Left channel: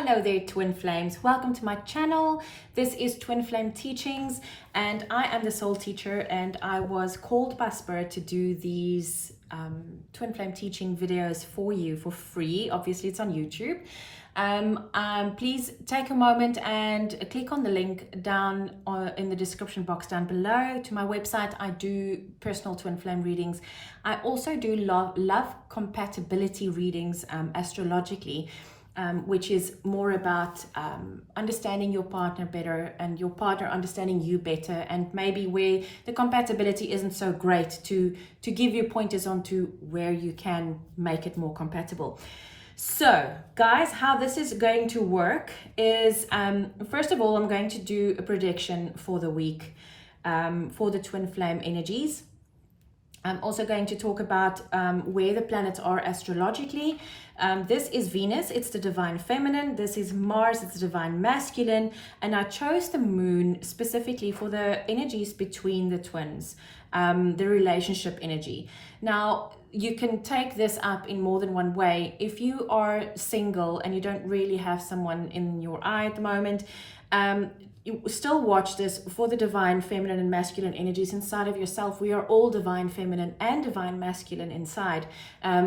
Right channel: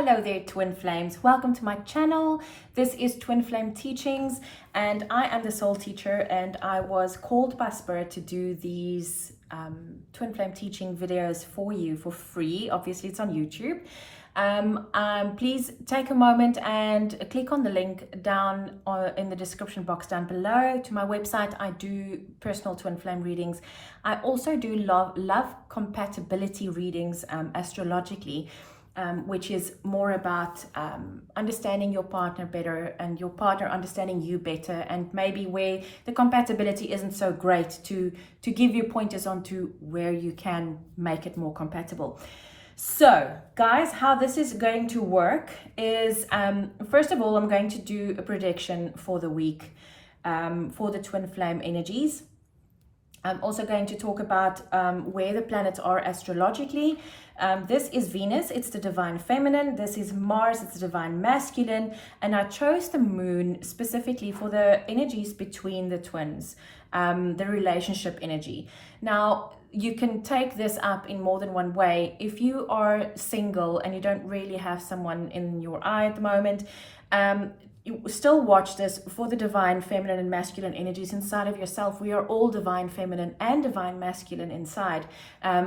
Hello there, Twin Flames. Welcome to my channel. This is Twin Flame Teachings, and I am the soul teacher, and I was called by Spirit to do these Twin Flame teaching videos for you for free. Obviously, it's on YouTube. Please take a moment and click on the link down in the description box down below to my website. I do personal twin flame readings. I also do love compatibility readings astrologically, which is more about understanding your partner better and your partner understanding you better, and maybe where the compatibility isn't so great to give you pointers onto where you can make it more compatible. So guys, how this is going to work is, first of all, I'm going to do a prediction for the week for the twin flame energies. I'm also going to talk about where the planets are astrologically. This is Venus, it's the divine feminine. This is Mars, it's the divine masculine. And I chose the moon specifically for the energies between the twins, the relationship energy. Now, you can take this up in more than one way. If you are single and you don't really have someone in your eye at the moment, you still watch this for the divine feminine and masculine energies inside of yourself. We are all divine feminine and divine masculine inside,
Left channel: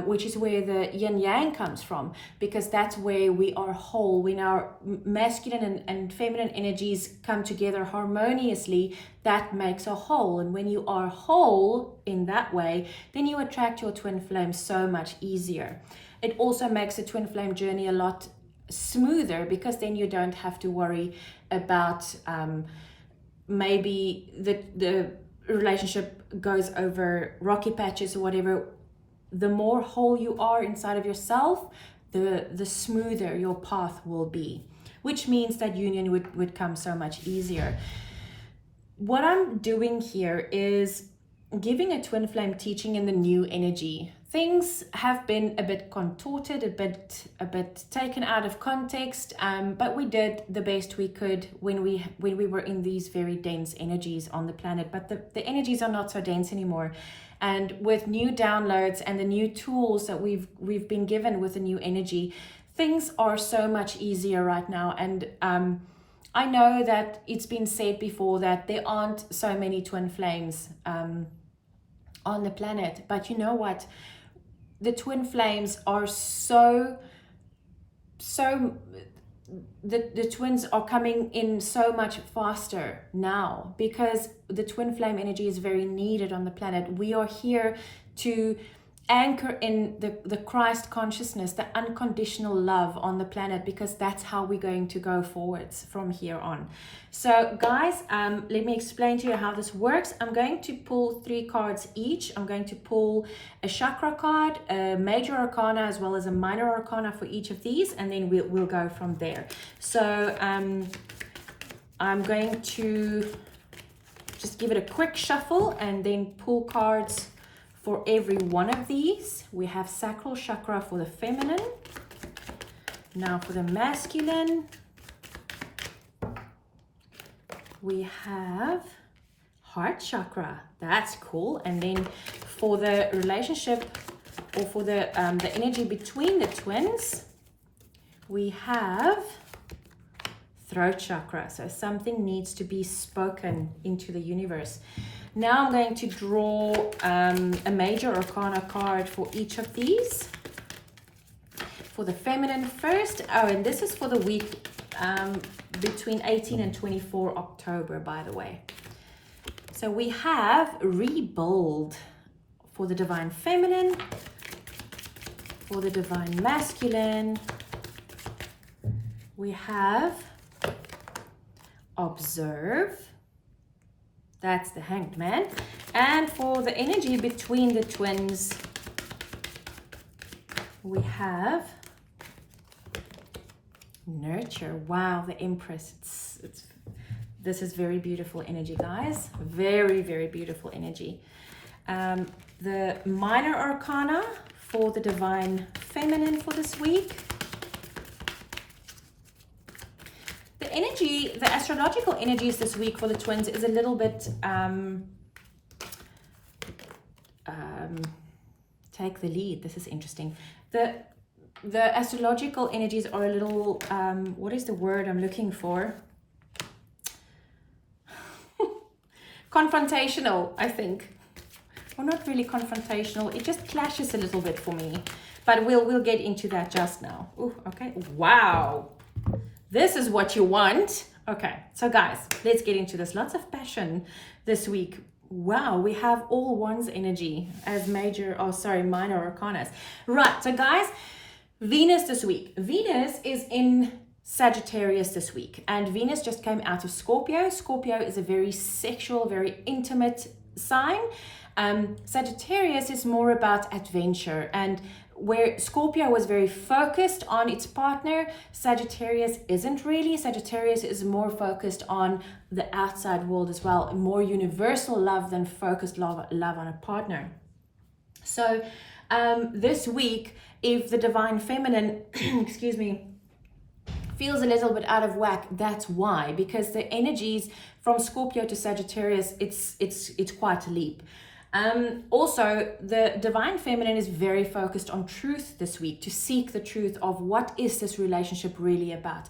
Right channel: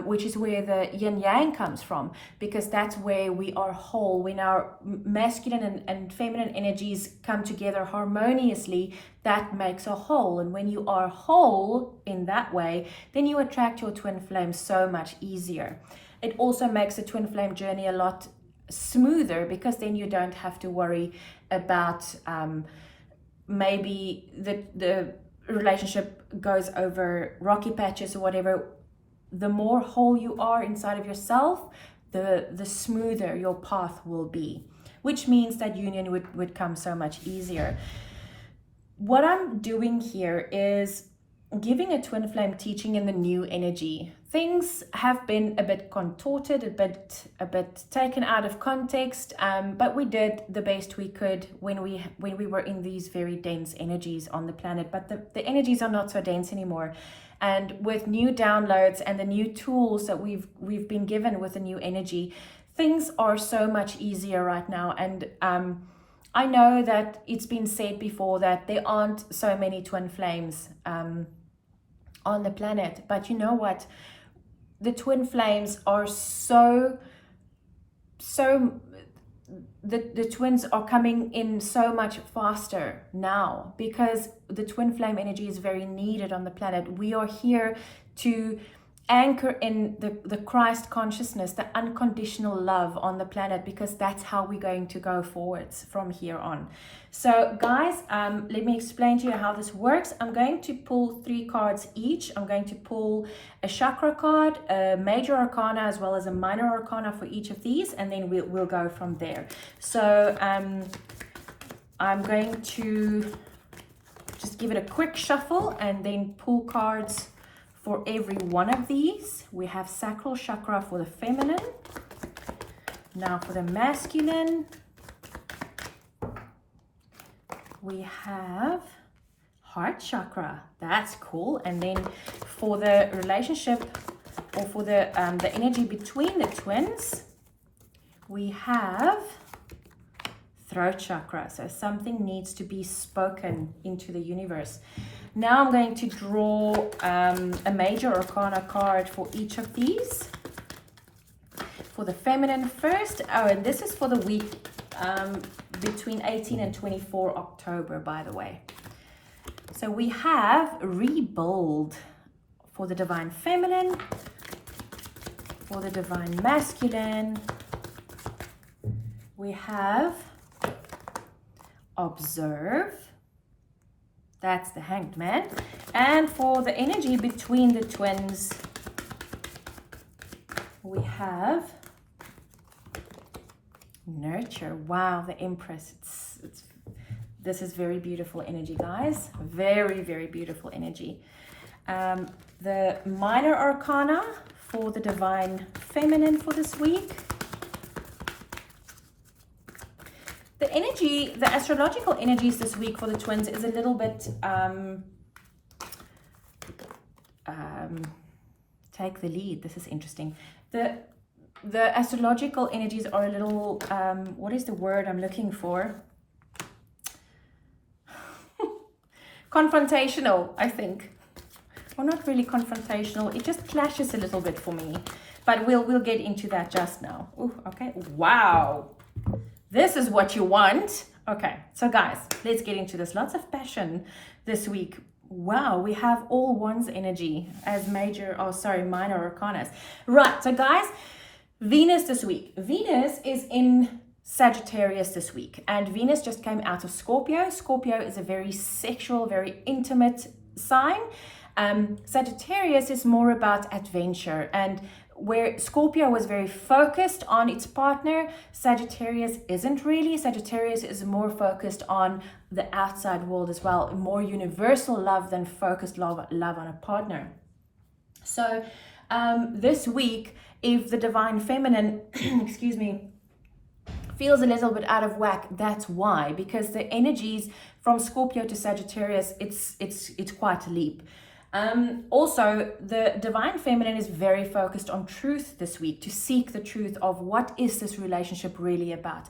which is where the yin yang comes from, because that's where we are whole. When our masculine and feminine energies come together harmoniously, that makes a whole. And when you are whole in that way, then you attract your twin flame so much easier. It also makes the twin flame journey a lot smoother, because then you don't have to worry about maybe the relationship goes over rocky patches or whatever. The more whole you are inside of yourself, the smoother your path will be, which means that union would come so much easier. What I'm doing here is giving a twin flame teaching in the new energy. Things have been a bit contorted, a bit taken out of context, but we did the best we could when we were in these very dense energies on the planet. But the energies are not so dense anymore, and with new downloads and the new tools that we've been given with the new energy, things are so much easier right now. And I know that it's been said before that there aren't so many twin flames on the planet, but you know what? The twin flames are the twins are coming in so much faster now, because the twin flame energy is very needed on the planet. We are here to anchor in the Christ consciousness, the unconditional love on the planet, because that's how we're going to go forwards from here on. So guys, let me explain to you how this works. I'm going to pull 3 cards each. I'm going to pull a chakra card, a major arcana, as well as a minor arcana for each of these, and then we'll go from there. So I'm going to just give it a quick shuffle and then pull cards for every one of these. We have sacral chakra for the feminine. Now for the masculine, we have heart chakra. That's cool. And then for the relationship, or for the energy between the twins, we have throat chakra. So something needs to be spoken into the universe. Now I'm going to draw a major arcana card for each of these. For the feminine first. Oh, and this is for the week between 18 and 24 October, by the way. So we have rebuild for the divine feminine, for the divine masculine. We have observe. That's the Hanged Man. And for the energy between the twins, we have nurture. Wow, the Empress. This is very beautiful energy, guys. Very, very beautiful energy. The minor arcana for the divine feminine for this week. The energy, the astrological energies this week for the twins is a little bit, take the lead. This is interesting. The the astrological energies are a little, what is the word I'm looking for? Confrontational, I think. Well, not really confrontational. It just clashes a little bit for me. But we'll get into that just now. Ooh, okay. Wow. This is what you want. Okay. So guys, let's get into this. Lots of passion this week. Wow, we have all one's energy as minor arcanas. Right. So guys, Venus this week. Venus is in Sagittarius this week, and Venus just came out of Scorpio. Scorpio is a very sexual, very intimate sign. Sagittarius is more about adventure, and where Scorpio was very focused on its partner, Sagittarius isn't really. Sagittarius is more focused on the outside world as well, more universal love than focused love on a partner. So this week, if the divine feminine, excuse me, feels a little bit out of whack, that's why, because the energies from Scorpio to Sagittarius, it's quite a leap. Also, the divine feminine is very focused on truth this week, to seek the truth of what is this relationship really about.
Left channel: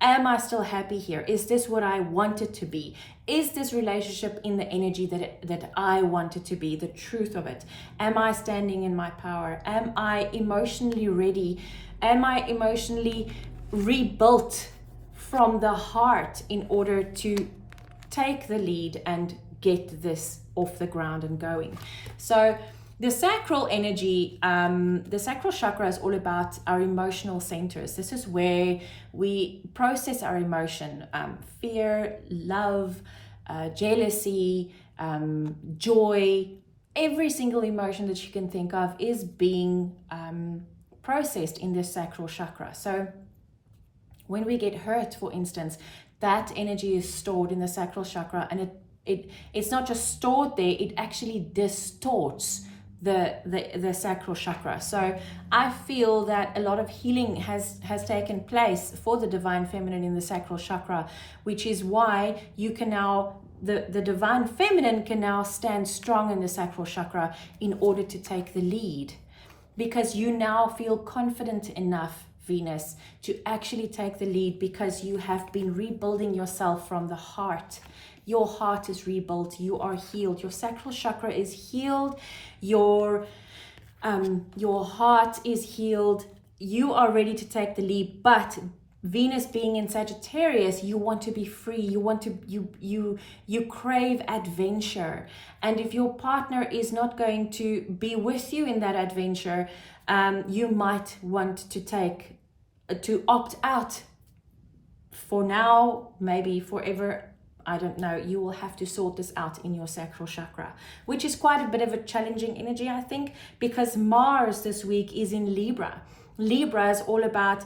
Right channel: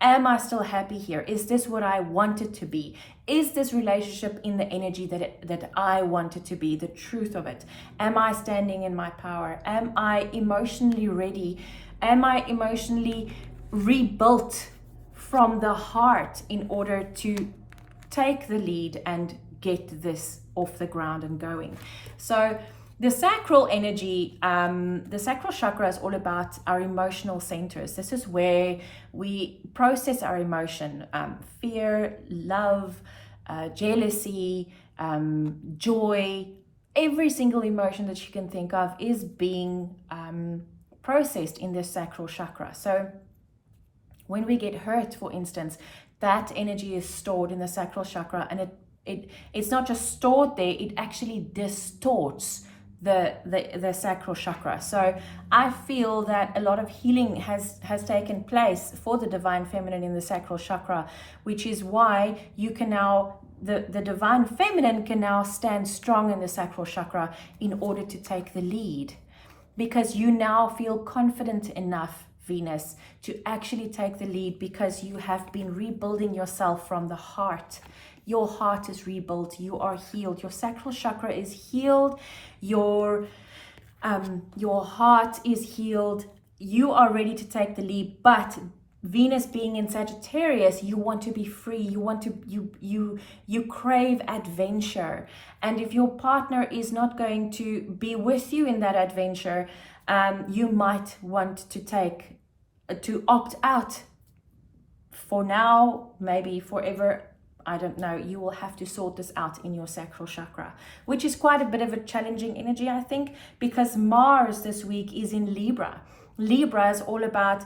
Am I still happy here? Is this what I want it to be? Is this relationship in the energy that I want it to be, the truth of it? Am I standing in my power? Am I emotionally ready? Am I emotionally rebuilt from the heart in order to take the lead and get this off the ground and going? So the sacral energy, the sacral chakra is all about our emotional centers. This is where we process our emotion, fear, love, jealousy, joy. Every single emotion that you can think of is being processed in this sacral chakra. So when we get hurt, for instance, that energy is stored in the sacral chakra, and it's not just stored there, it actually distorts the sacral chakra. So I feel that a lot of healing has taken place for the divine feminine in the sacral chakra, which is why you can now, the divine feminine can now stand strong in the sacral chakra in order to take the lead, because you now feel confident enough, Venus, to actually take the lead, because you have been rebuilding yourself from the heart. Your heart is rebuilt. You are healed. Your sacral chakra is healed. Your heart is healed. You are ready to take the lead. But Venus being in Sagittarius, you want to be free. You want to you crave adventure. And if your partner is not going to be with you in that adventure, you might want to opt out for now, maybe forever. I don't know. You will have to sort this out in your sacral chakra, which is quite a bit of a challenging energy, I think, because Mars this week is in Libra. Libra is all about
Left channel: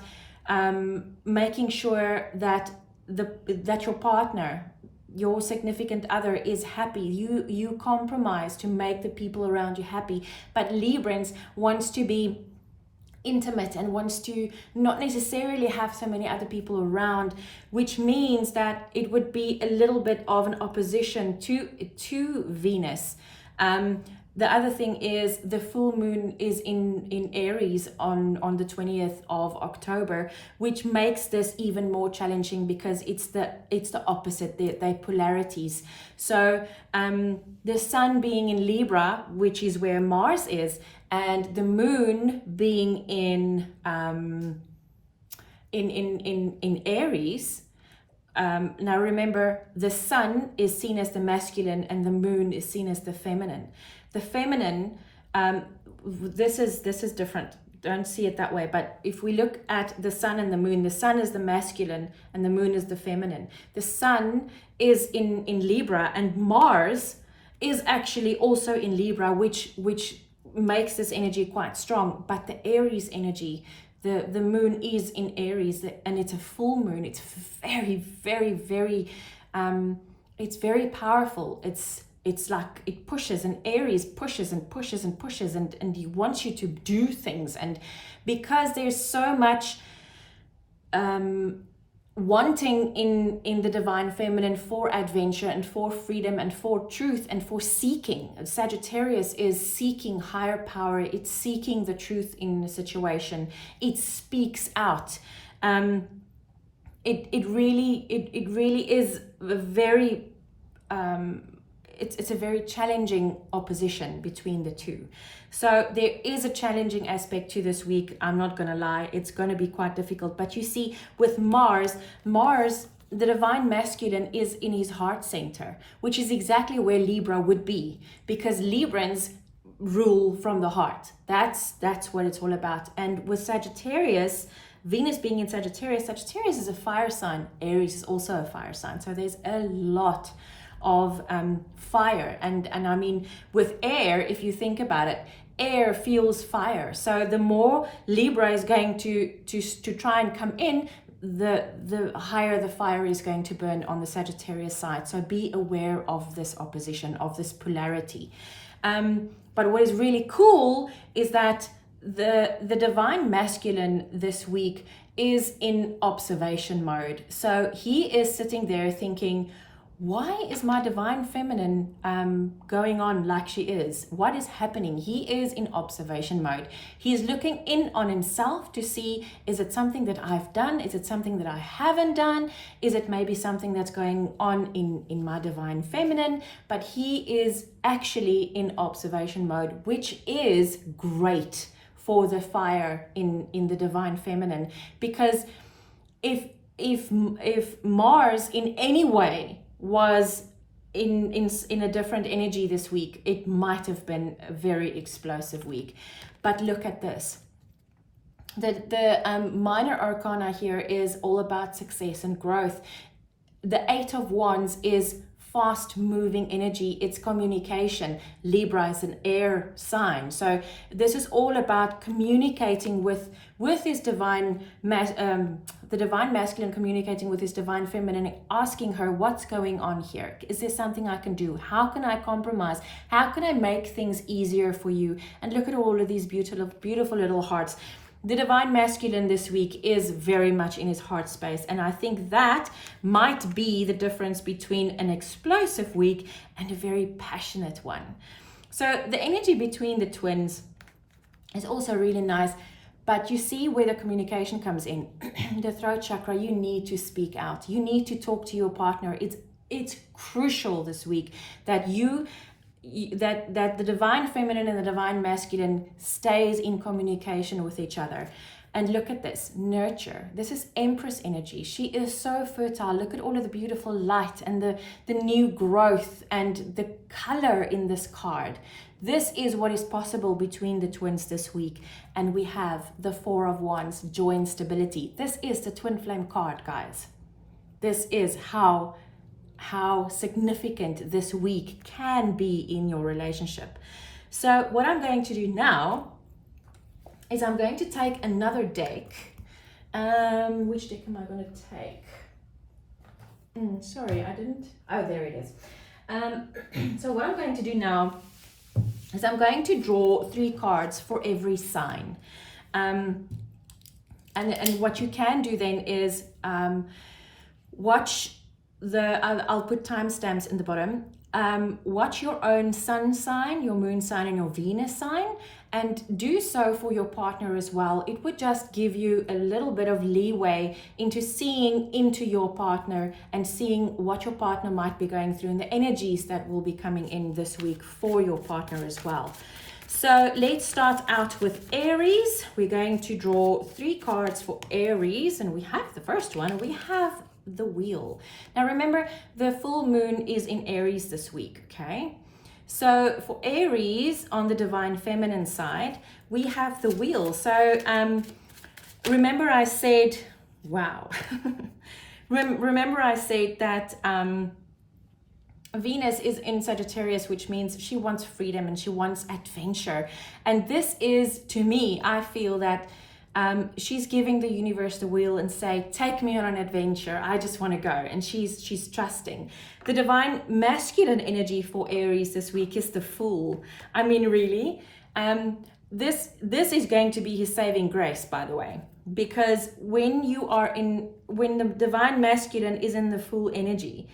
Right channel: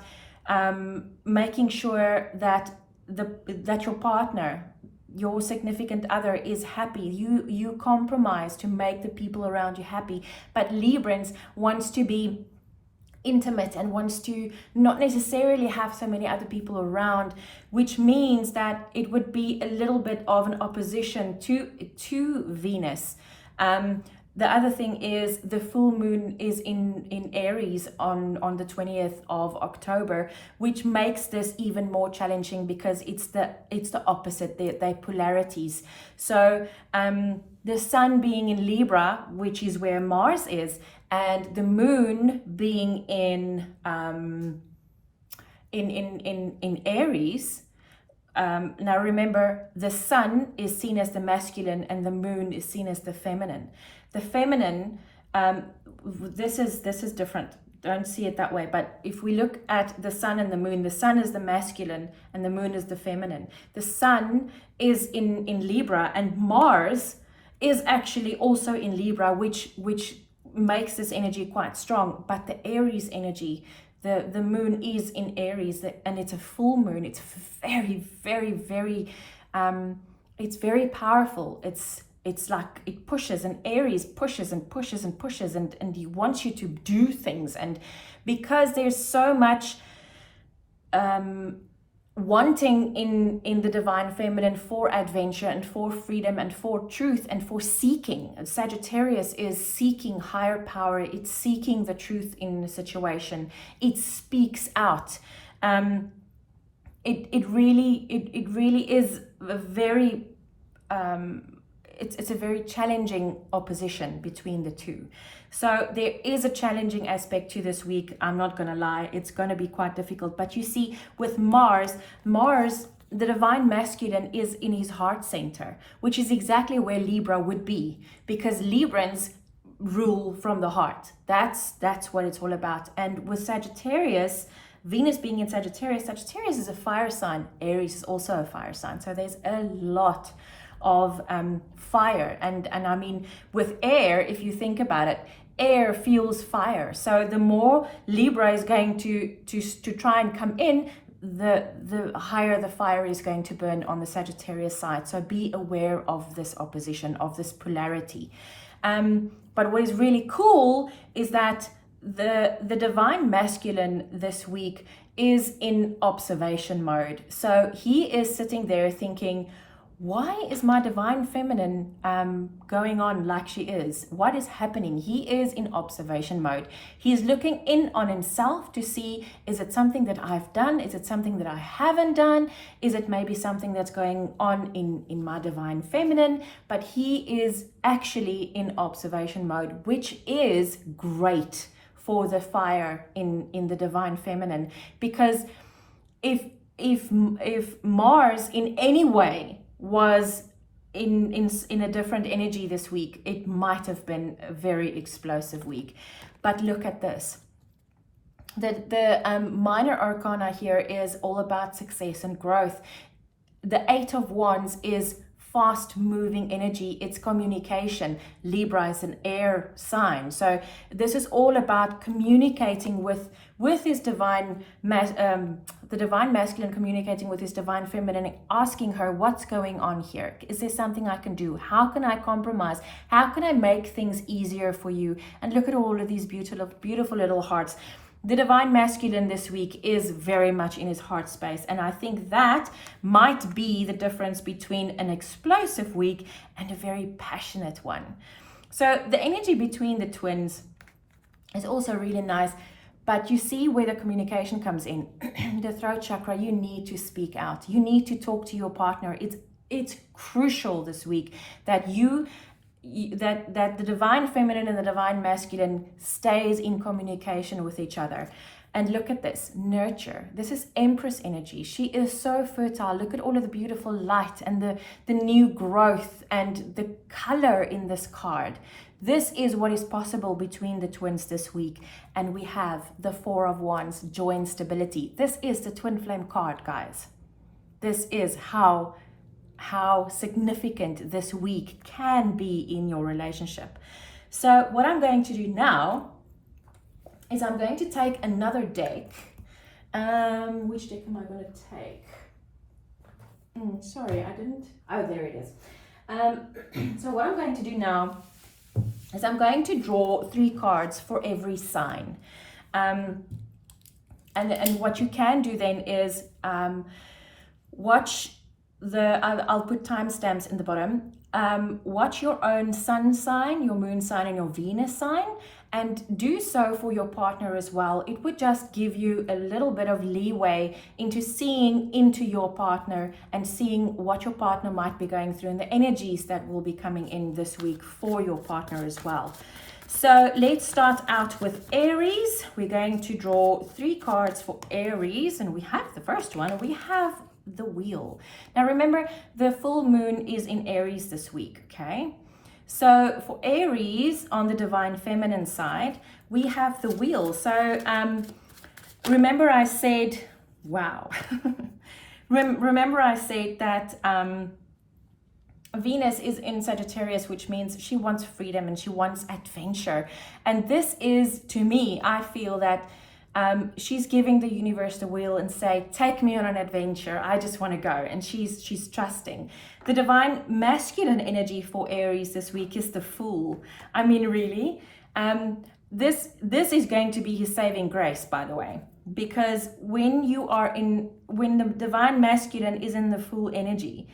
making sure that your partner, your significant other, is happy. You compromise to make the people around you happy. But Librans wants to be intimate and wants to not necessarily have so many other people around, which means that it would be a little bit of an opposition to Venus. The other thing is the full moon is in Aries on the 20th of October, which makes this even more challenging, because it's the opposite. They're polarities. So the sun being in Libra, which is where Mars is, and the moon being in Aries. Now remember, the sun is seen as the masculine and the moon is seen as the feminine. The feminine, this is different. Don't see it that way. But if we look at the sun and the sun is the masculine and the moon is the feminine. The sun is in Libra, and Mars is actually also in Libra, which makes this energy quite strong. But the Aries energy, the moon is in Aries, and it's a full moon. It's very, very, very, it's very powerful. It's like it pushes, and Aries pushes and pushes and pushes, and he wants you to do things. And because there's so much wanting in the divine feminine for adventure and for freedom and for truth and for seeking. Sagittarius is seeking higher power. It's seeking the truth in the situation. It speaks out. It really is a very it's a very challenging opposition between the two. So there is a challenging aspect to this week. I'm not going to lie. It's going to be quite difficult. But you see, with Mars, the divine masculine is in his heart center, which is exactly where Libra would be, because Librans rule from the heart. That's what it's all about. And with Sagittarius, Venus being in Sagittarius is a fire sign. Aries is also a fire sign. So there's a lot of fire, and I mean, with air, if you think about it, air fuels fire. So the more Libra is going to try and come in, the higher the fire is going to burn on the Sagittarius side. So be aware of this opposition, of this polarity. But what is really cool is that the divine masculine this week is in observation mode. So he is sitting there thinking, why is my divine feminine going on like she is? What is happening? He is in observation mode. He's looking in on himself to see, is it something that I've done? Is it something that I haven't done? Is it maybe something that's going on in my divine feminine? But he is actually in observation mode, which is great for the fire in the divine feminine. Because if Mars in any way was in a different energy this week, it might have been a very explosive week. But look at this. The minor arcana here is all about success and growth. The Eight of Wands is fast moving energy. It's communication. Libra is an air sign, so this is all about communicating with his divine the divine masculine, communicating with his divine feminine, asking her, what's going on here? Is there something I can do? How can I compromise? How can I make things easier for you? And look at all of these beautiful little hearts. The divine masculine this week is very much in his heart space. And I think that might be the difference between an explosive week and a very passionate one. So the energy between the twins is also really nice. But you see where the communication comes in. The throat chakra, you need to speak out. You need to talk to your partner. It's crucial this week that that the divine feminine and the divine masculine stays in communication with each other. And look at this, nurture. This is Empress energy. She is so fertile. Look at all of the beautiful light and the new growth and the color in this card. This is what is possible between the twins this week. And we have the Four of Wands, joy and stability. This is the twin flame card, guys. This is how significant this week can be in your relationship. So what I'm going to do now is I'm going to take another deck. Which deck am I going to take? Sorry, I didn't. Oh, there it is. So what I'm going to do now is I'm going to draw 3 cards for every sign. And what you can do then is watch I'll put timestamps in the bottom. Watch your own sun sign, your moon sign, and your Venus sign, and do so for your partner as well. It would just give you a little bit of leeway into seeing into your partner and seeing what your partner might be going through and the energies that will be coming in this week for your partner as well. So let's start out with Aries. We're going to draw 3 cards for Aries, and we have the first one. We have the Wheel. Now remember, the full moon is in Aries this week, okay? So for Aries, on the divine feminine side, we have the Wheel. So remember I said, wow. Remember I said that Venus is in Sagittarius, which means she wants freedom and she wants adventure. And this is, to me, I feel that she's giving the universe the wheel and say, take me on an adventure. I just want to go. And she's trusting. The divine masculine energy for Aries this week is the Fool. I mean, really, this is going to be his saving grace, by the way. because when the divine masculine is in the full energy,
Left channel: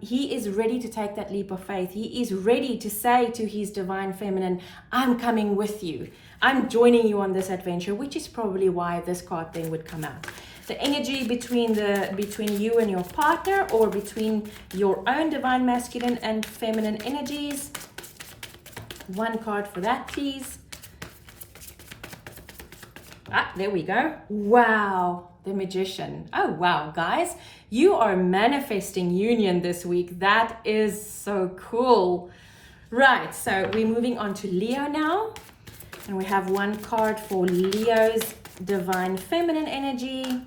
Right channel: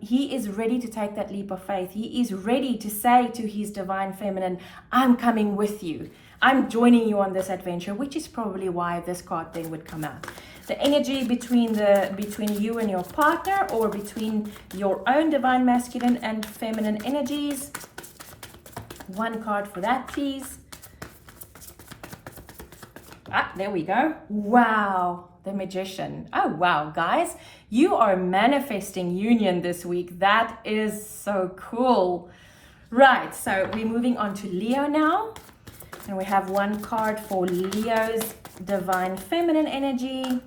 he is ready to take that leap of faith. He is ready to say to his divine feminine, I'm coming with you. I'm joining you on this adventure, which is probably why this card then would come out. The energy between you and your partner, or between your own divine masculine and feminine energies. One card for that, please. Ah, there we go. Wow, the Magician. Oh, wow, guys. You are manifesting union this week. That is so cool. Right, so we're moving on to Leo now. And we have one card for Leo's divine feminine energy.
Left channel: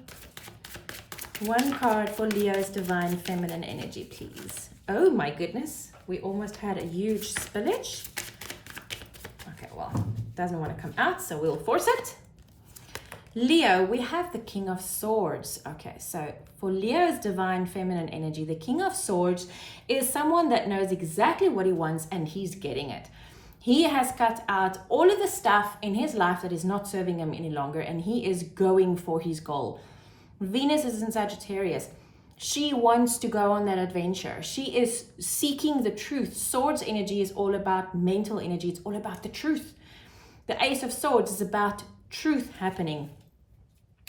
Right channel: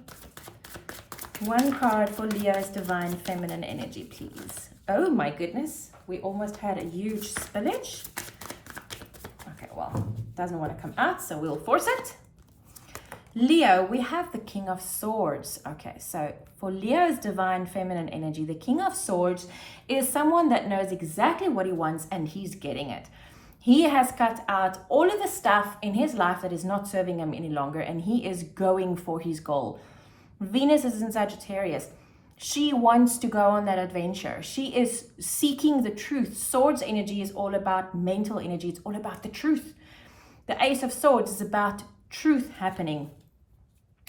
One card for Leo's divine feminine energy, please. Oh my goodness. We almost had a huge spillage. Okay, well, doesn't want to come out, so we'll force it. Leo, we have the King of Swords. Okay, so for Leo's divine feminine energy, the King of Swords is someone that knows exactly what he wants and he's getting it. He has cut out all of the stuff in his life that is not serving him any longer, and he is going for his goal. Venus is in Sagittarius. She wants to go on that adventure. She is seeking the truth. Swords energy is all about mental energy. It's all about the truth. The Ace of Swords is about truth happening.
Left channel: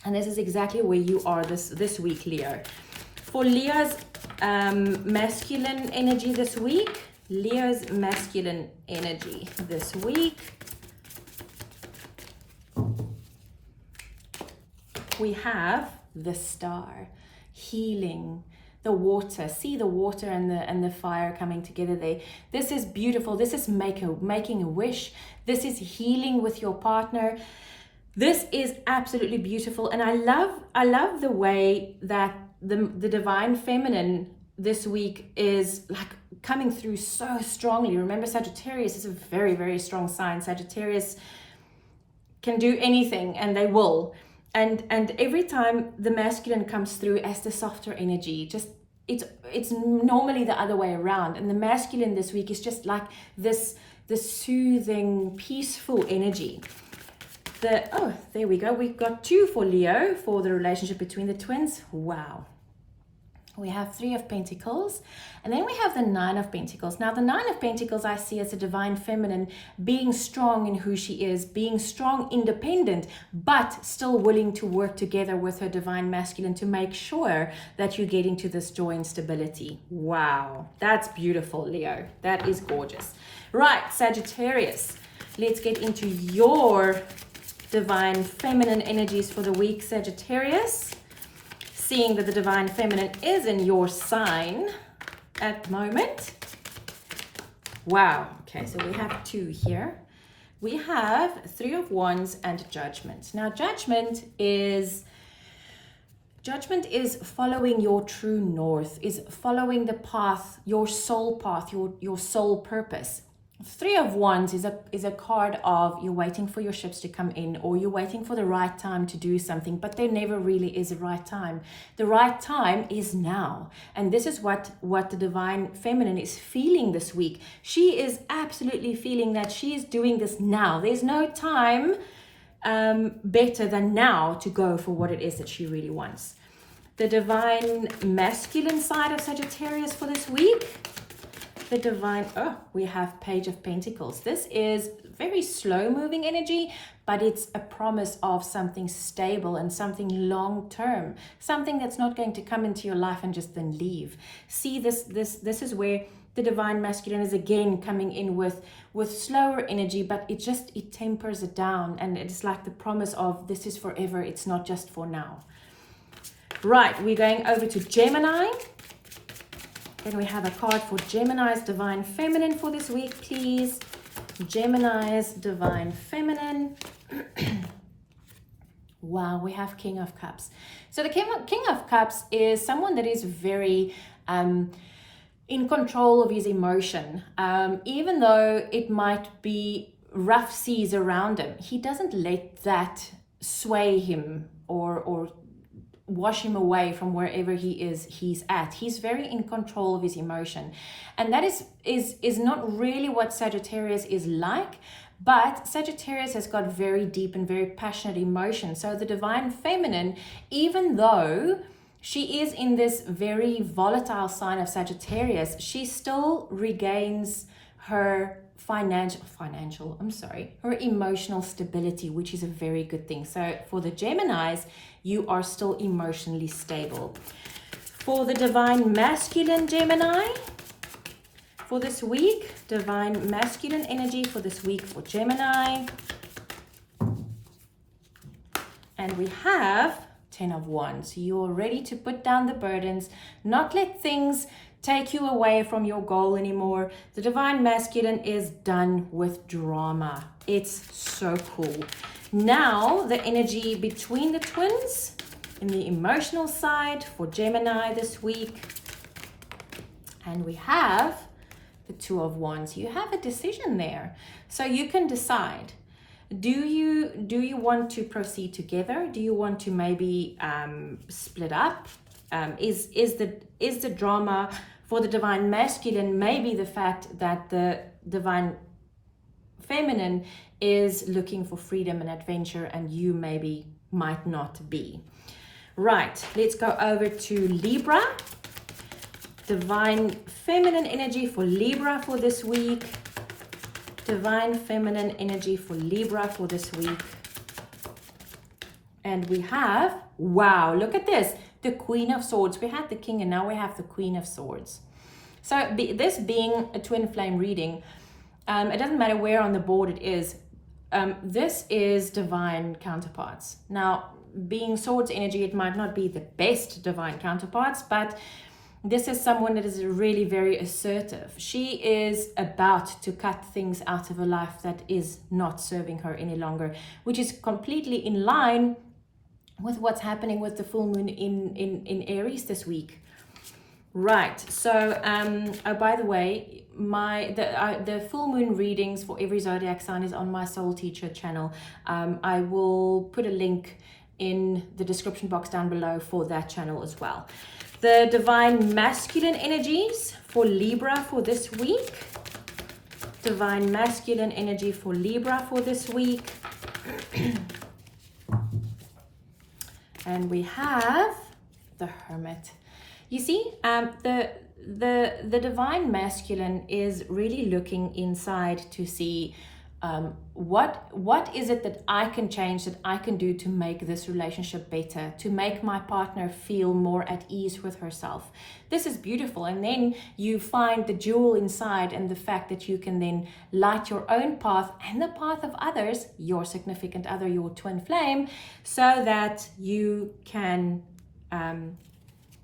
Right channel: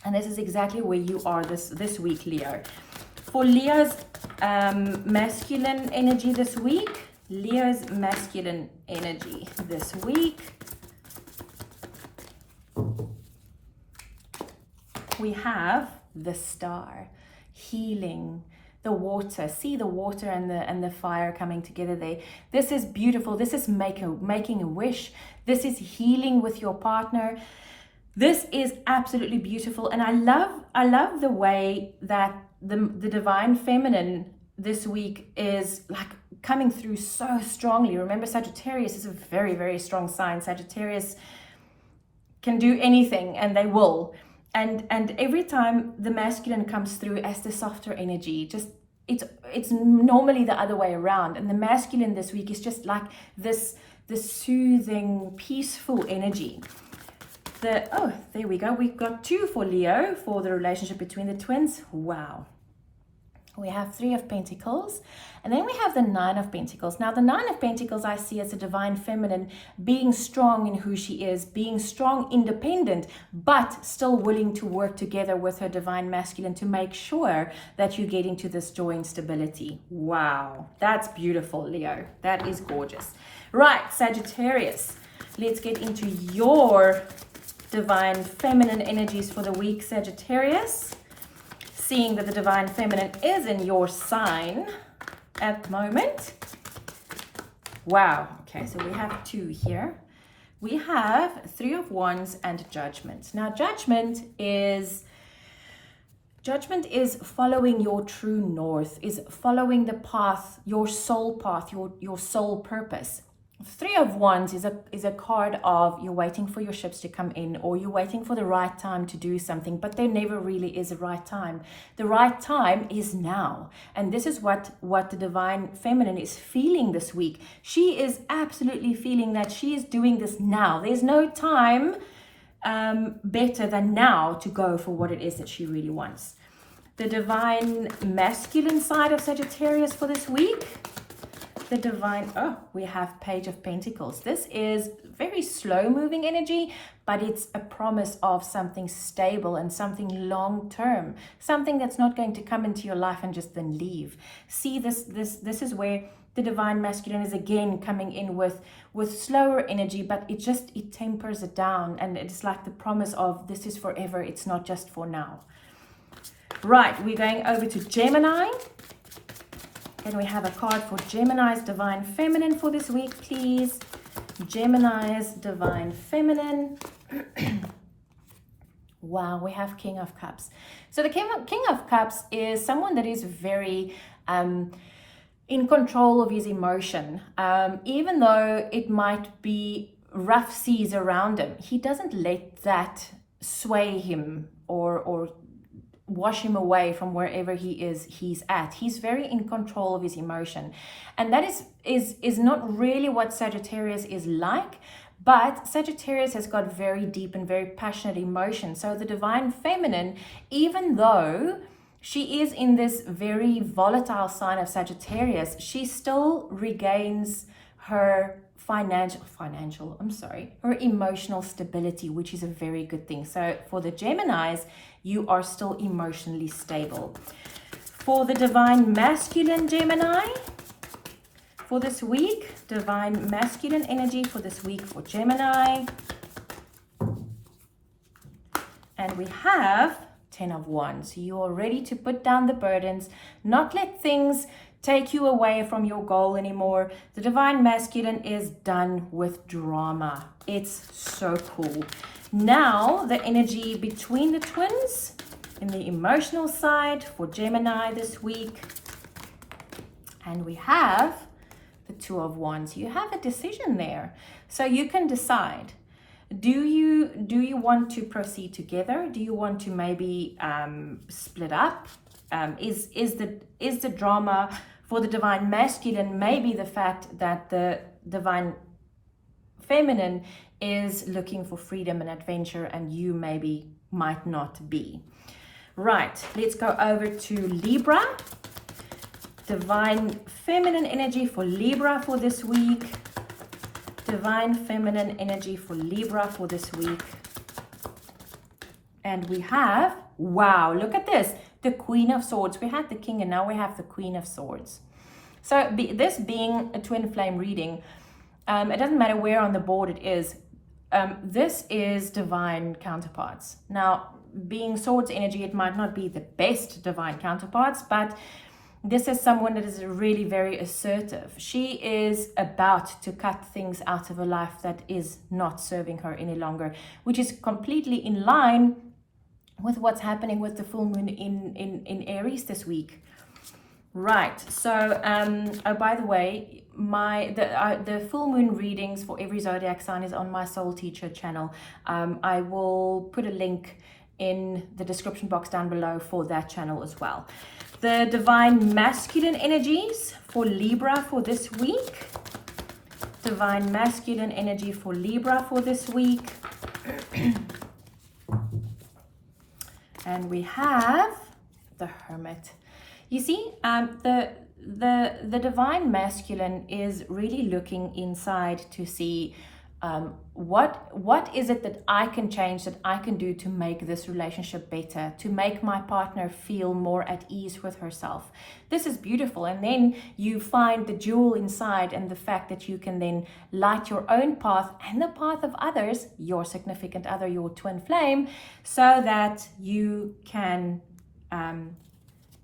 And this is exactly where you are this week, Leo. For Leo's masculine energy this week, Leo's masculine energy this week, we have the Star, healing, the water. See the water and the fire coming together there. This is beautiful. This is making a wish. This is healing with your partner. This is absolutely beautiful, and I love the way that the divine feminine this week is like coming through so strongly. Remember, Sagittarius is a very, very strong sign. Sagittarius can do anything, and they will. And every time the masculine comes through as the softer energy, just it's normally the other way around. And the masculine this week is just like this soothing, peaceful energy. Oh, there we go. We've got 2 for Leo for the relationship between the twins. Wow. We have 3 of Pentacles, and then we have the 9 of Pentacles. Now, the 9 of Pentacles I see as a divine feminine being strong in who she is, being strong, independent, but still willing to work together with her divine masculine to make sure that you get into this joy and stability. Wow, that's beautiful, Leo. That is gorgeous. Right, Sagittarius, let's get into your divine feminine energies for the week, Sagittarius. Seeing that the divine feminine is in your sign at the moment. Wow. Okay, so we have 2 here. We have 3 of Wands and Judgment. Now, Judgment is following your true north, is following the path, your soul path, your soul purpose. 3 of Wands is a card of you're waiting for your ships to come in, or you're waiting for the right time to do something, but there never really is a right time. The right time is now. And this is what the divine feminine is feeling this week. She is absolutely feeling that she is doing this now. There's no time better than now to go for what it is that she really wants. The divine masculine side of Sagittarius for this week, the divine, we have Page of Pentacles. This is very slow moving energy, but it's a promise of something stable and something long term, something that's not going to come into your life and just then leave. See, this is where the divine masculine is again coming in with slower energy, but it tempers it down, and it's like the promise of this is forever, it's not just for now. Right, we're going over to Gemini. And we have a card for Gemini's divine feminine for this week, please. Gemini's divine feminine. Wow, we have King of Cups. So the King of Cups is someone that is very in control of his emotion. Even though it might be rough seas around him, he doesn't let that sway him or wash him away from wherever he's at. He's very in control of his emotion, and that is not really what Sagittarius is like, But Sagittarius has got very deep and very passionate emotions. So the divine feminine, even though she is in this very volatile sign of Sagittarius, she still regains her her emotional stability, which is a very good thing. So for the Geminis, you are still emotionally stable. For the divine masculine Gemini, for this week, divine masculine energy for this week for Gemini. And we have 10 of Wands. You are ready to put down the burdens, not let things take you away from your goal anymore. The divine masculine is done with drama. It's so cool. Now the energy between the twins in the emotional side for Gemini this week. And we have the Two of Wands. You have a decision there. So you can decide. Do you want to proceed together? Do you want to maybe split up? Is the drama for the divine masculine maybe the fact that the divine feminine is looking for freedom and adventure, and you maybe might not be? Right, let's go over to Libra. Divine feminine energy for Libra for this week. Divine feminine energy for Libra for this week. And we have, wow, look at this, the Queen of Swords. We had the King and now we have the Queen of Swords. So this being a twin flame reading, it doesn't matter where on the board it is. This is divine counterparts. Now, being Swords energy, it might not be the best divine counterparts, but this is someone that is really very assertive. She is about to cut things out of her life that is not serving her any longer, which is completely in line with what's happening with the full moon in Aries this week. Right, so oh, by the way, the full moon readings for every zodiac sign is on my Soul Teacher channel. I will put a link in the description box down below for that channel as well. The divine masculine energies for Libra for this week. Divine masculine energy for Libra for this week. And we have the Hermit. You see, the divine masculine is really looking inside to see what is it that I can change, that I can do to make this relationship better, to make my partner feel more at ease with herself. This is beautiful. And then you find the jewel inside, and the fact that you can then light your own path and the path of others, your significant other, your twin flame, so that you can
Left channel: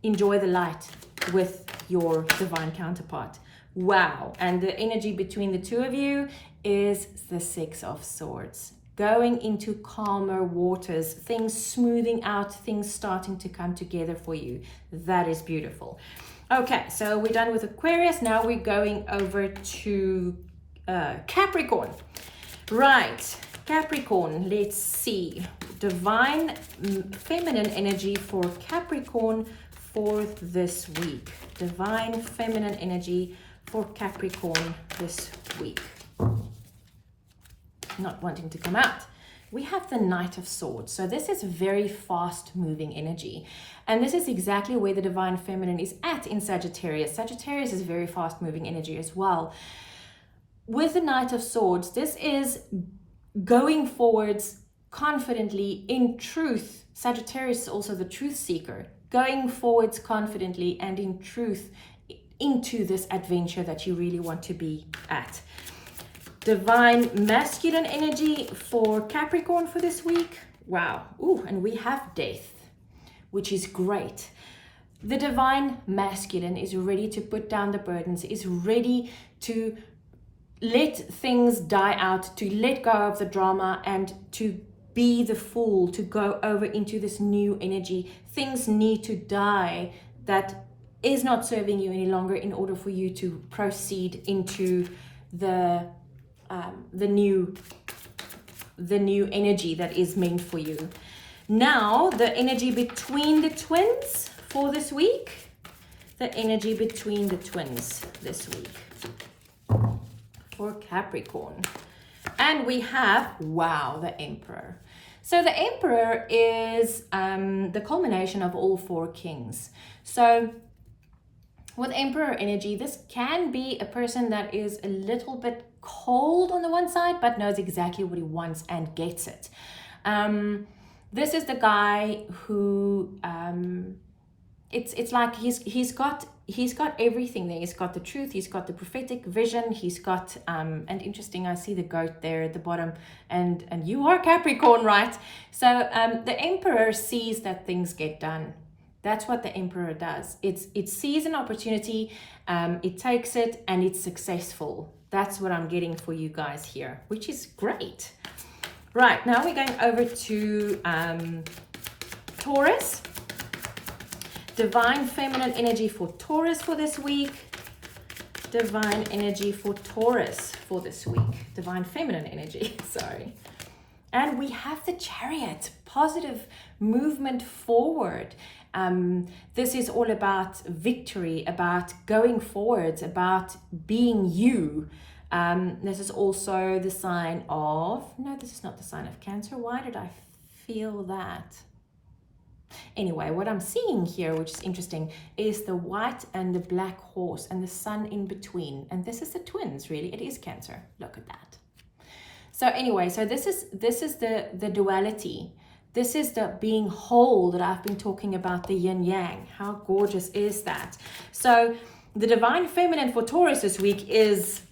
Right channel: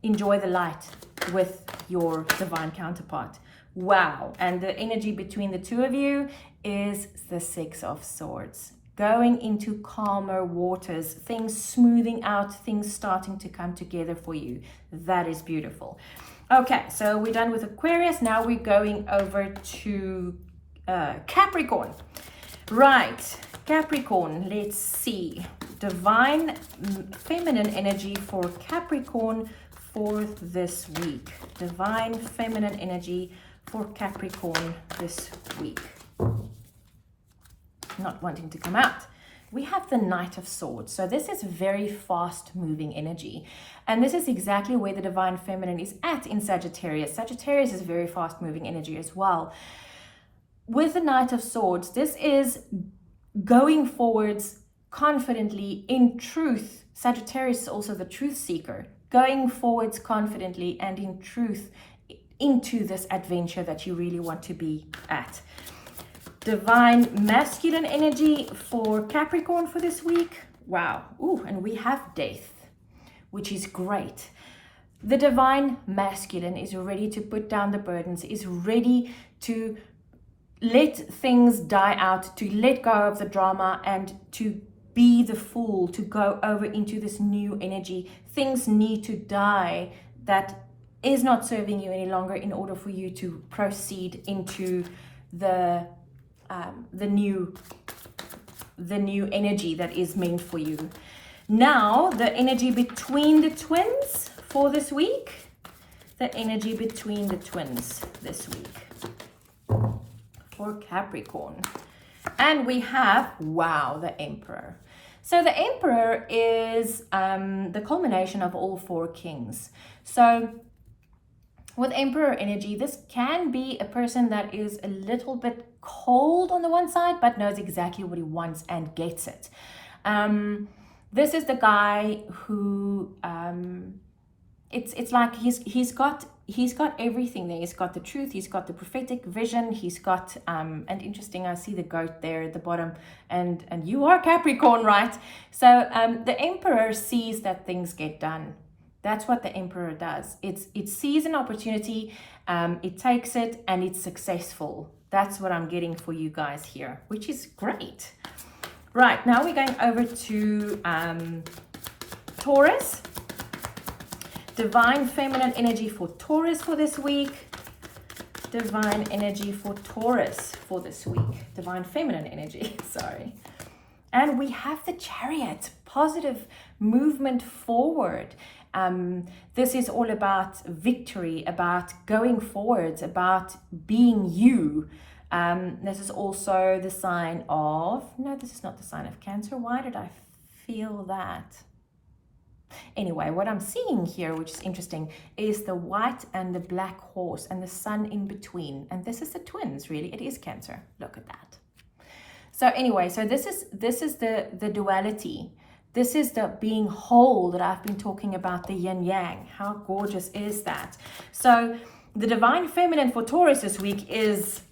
enjoy the light with your divine counterpart. Wow. And the energy between the two of you is the Six of Swords. Going into calmer waters, things smoothing out, things starting to come together for you. That is beautiful. Okay, so we're done with Aquarius. Now we're going over to Capricorn. Right, Capricorn, let's see. Divine feminine energy for Capricorn for this week. Divine feminine energy for Capricorn this week. Not wanting to come out. We have the Knight of Swords. So this is very fast moving energy. And this is exactly where the divine feminine is at in Sagittarius. Sagittarius is very fast moving energy as well. With the Knight of Swords, this is going forwards confidently in truth. Sagittarius is also the truth seeker. Going forwards confidently and in truth into this adventure that you really want to be at. Divine masculine energy for Capricorn for this week. Wow. Ooh, and we have Death, which is great. The divine masculine is ready to put down the burdens, is ready to let things die out, to let go of the drama, and to be the Fool, to go over into this new energy. Things need to die that is not serving you any longer in order for you to proceed into the new energy that is meant for you. Now, the energy between the twins for this week. The energy between the twins this week for Capricorn. And we have, wow, the Emperor. So the Emperor is the culmination of all four kings. So with Emperor energy, this can be a person that is a little bit cold on the one side, but knows exactly what he wants and gets it. This is the guy who it's like he's got everything there. He's got the truth, he's got the prophetic vision, he's got and interesting, I see the goat there at the bottom, and you are Capricorn, right? So the Emperor sees that things get done. That's what the Emperor does. It sees an opportunity, it takes it, and it's successful. That's what I'm getting for you guys here, which is great. Right, now we're going over to Taurus. Divine feminine energy for Taurus for this week. Divine energy for Taurus for this week. Divine feminine energy, sorry. And we have the Chariot, positive movement forward. This is all about victory, about going forwards, about being you. This is also the sign of, no, this is not the sign of Cancer. Why did I feel that? Anyway, what I'm seeing here, which is interesting, is the white and the black horse and the sun in between. And this is the twins, really. It is Cancer. Look at that. So anyway, so this is the duality. This is the being whole that I've been talking about, the yin yang. How gorgeous is that? So the divine feminine for Taurus this week is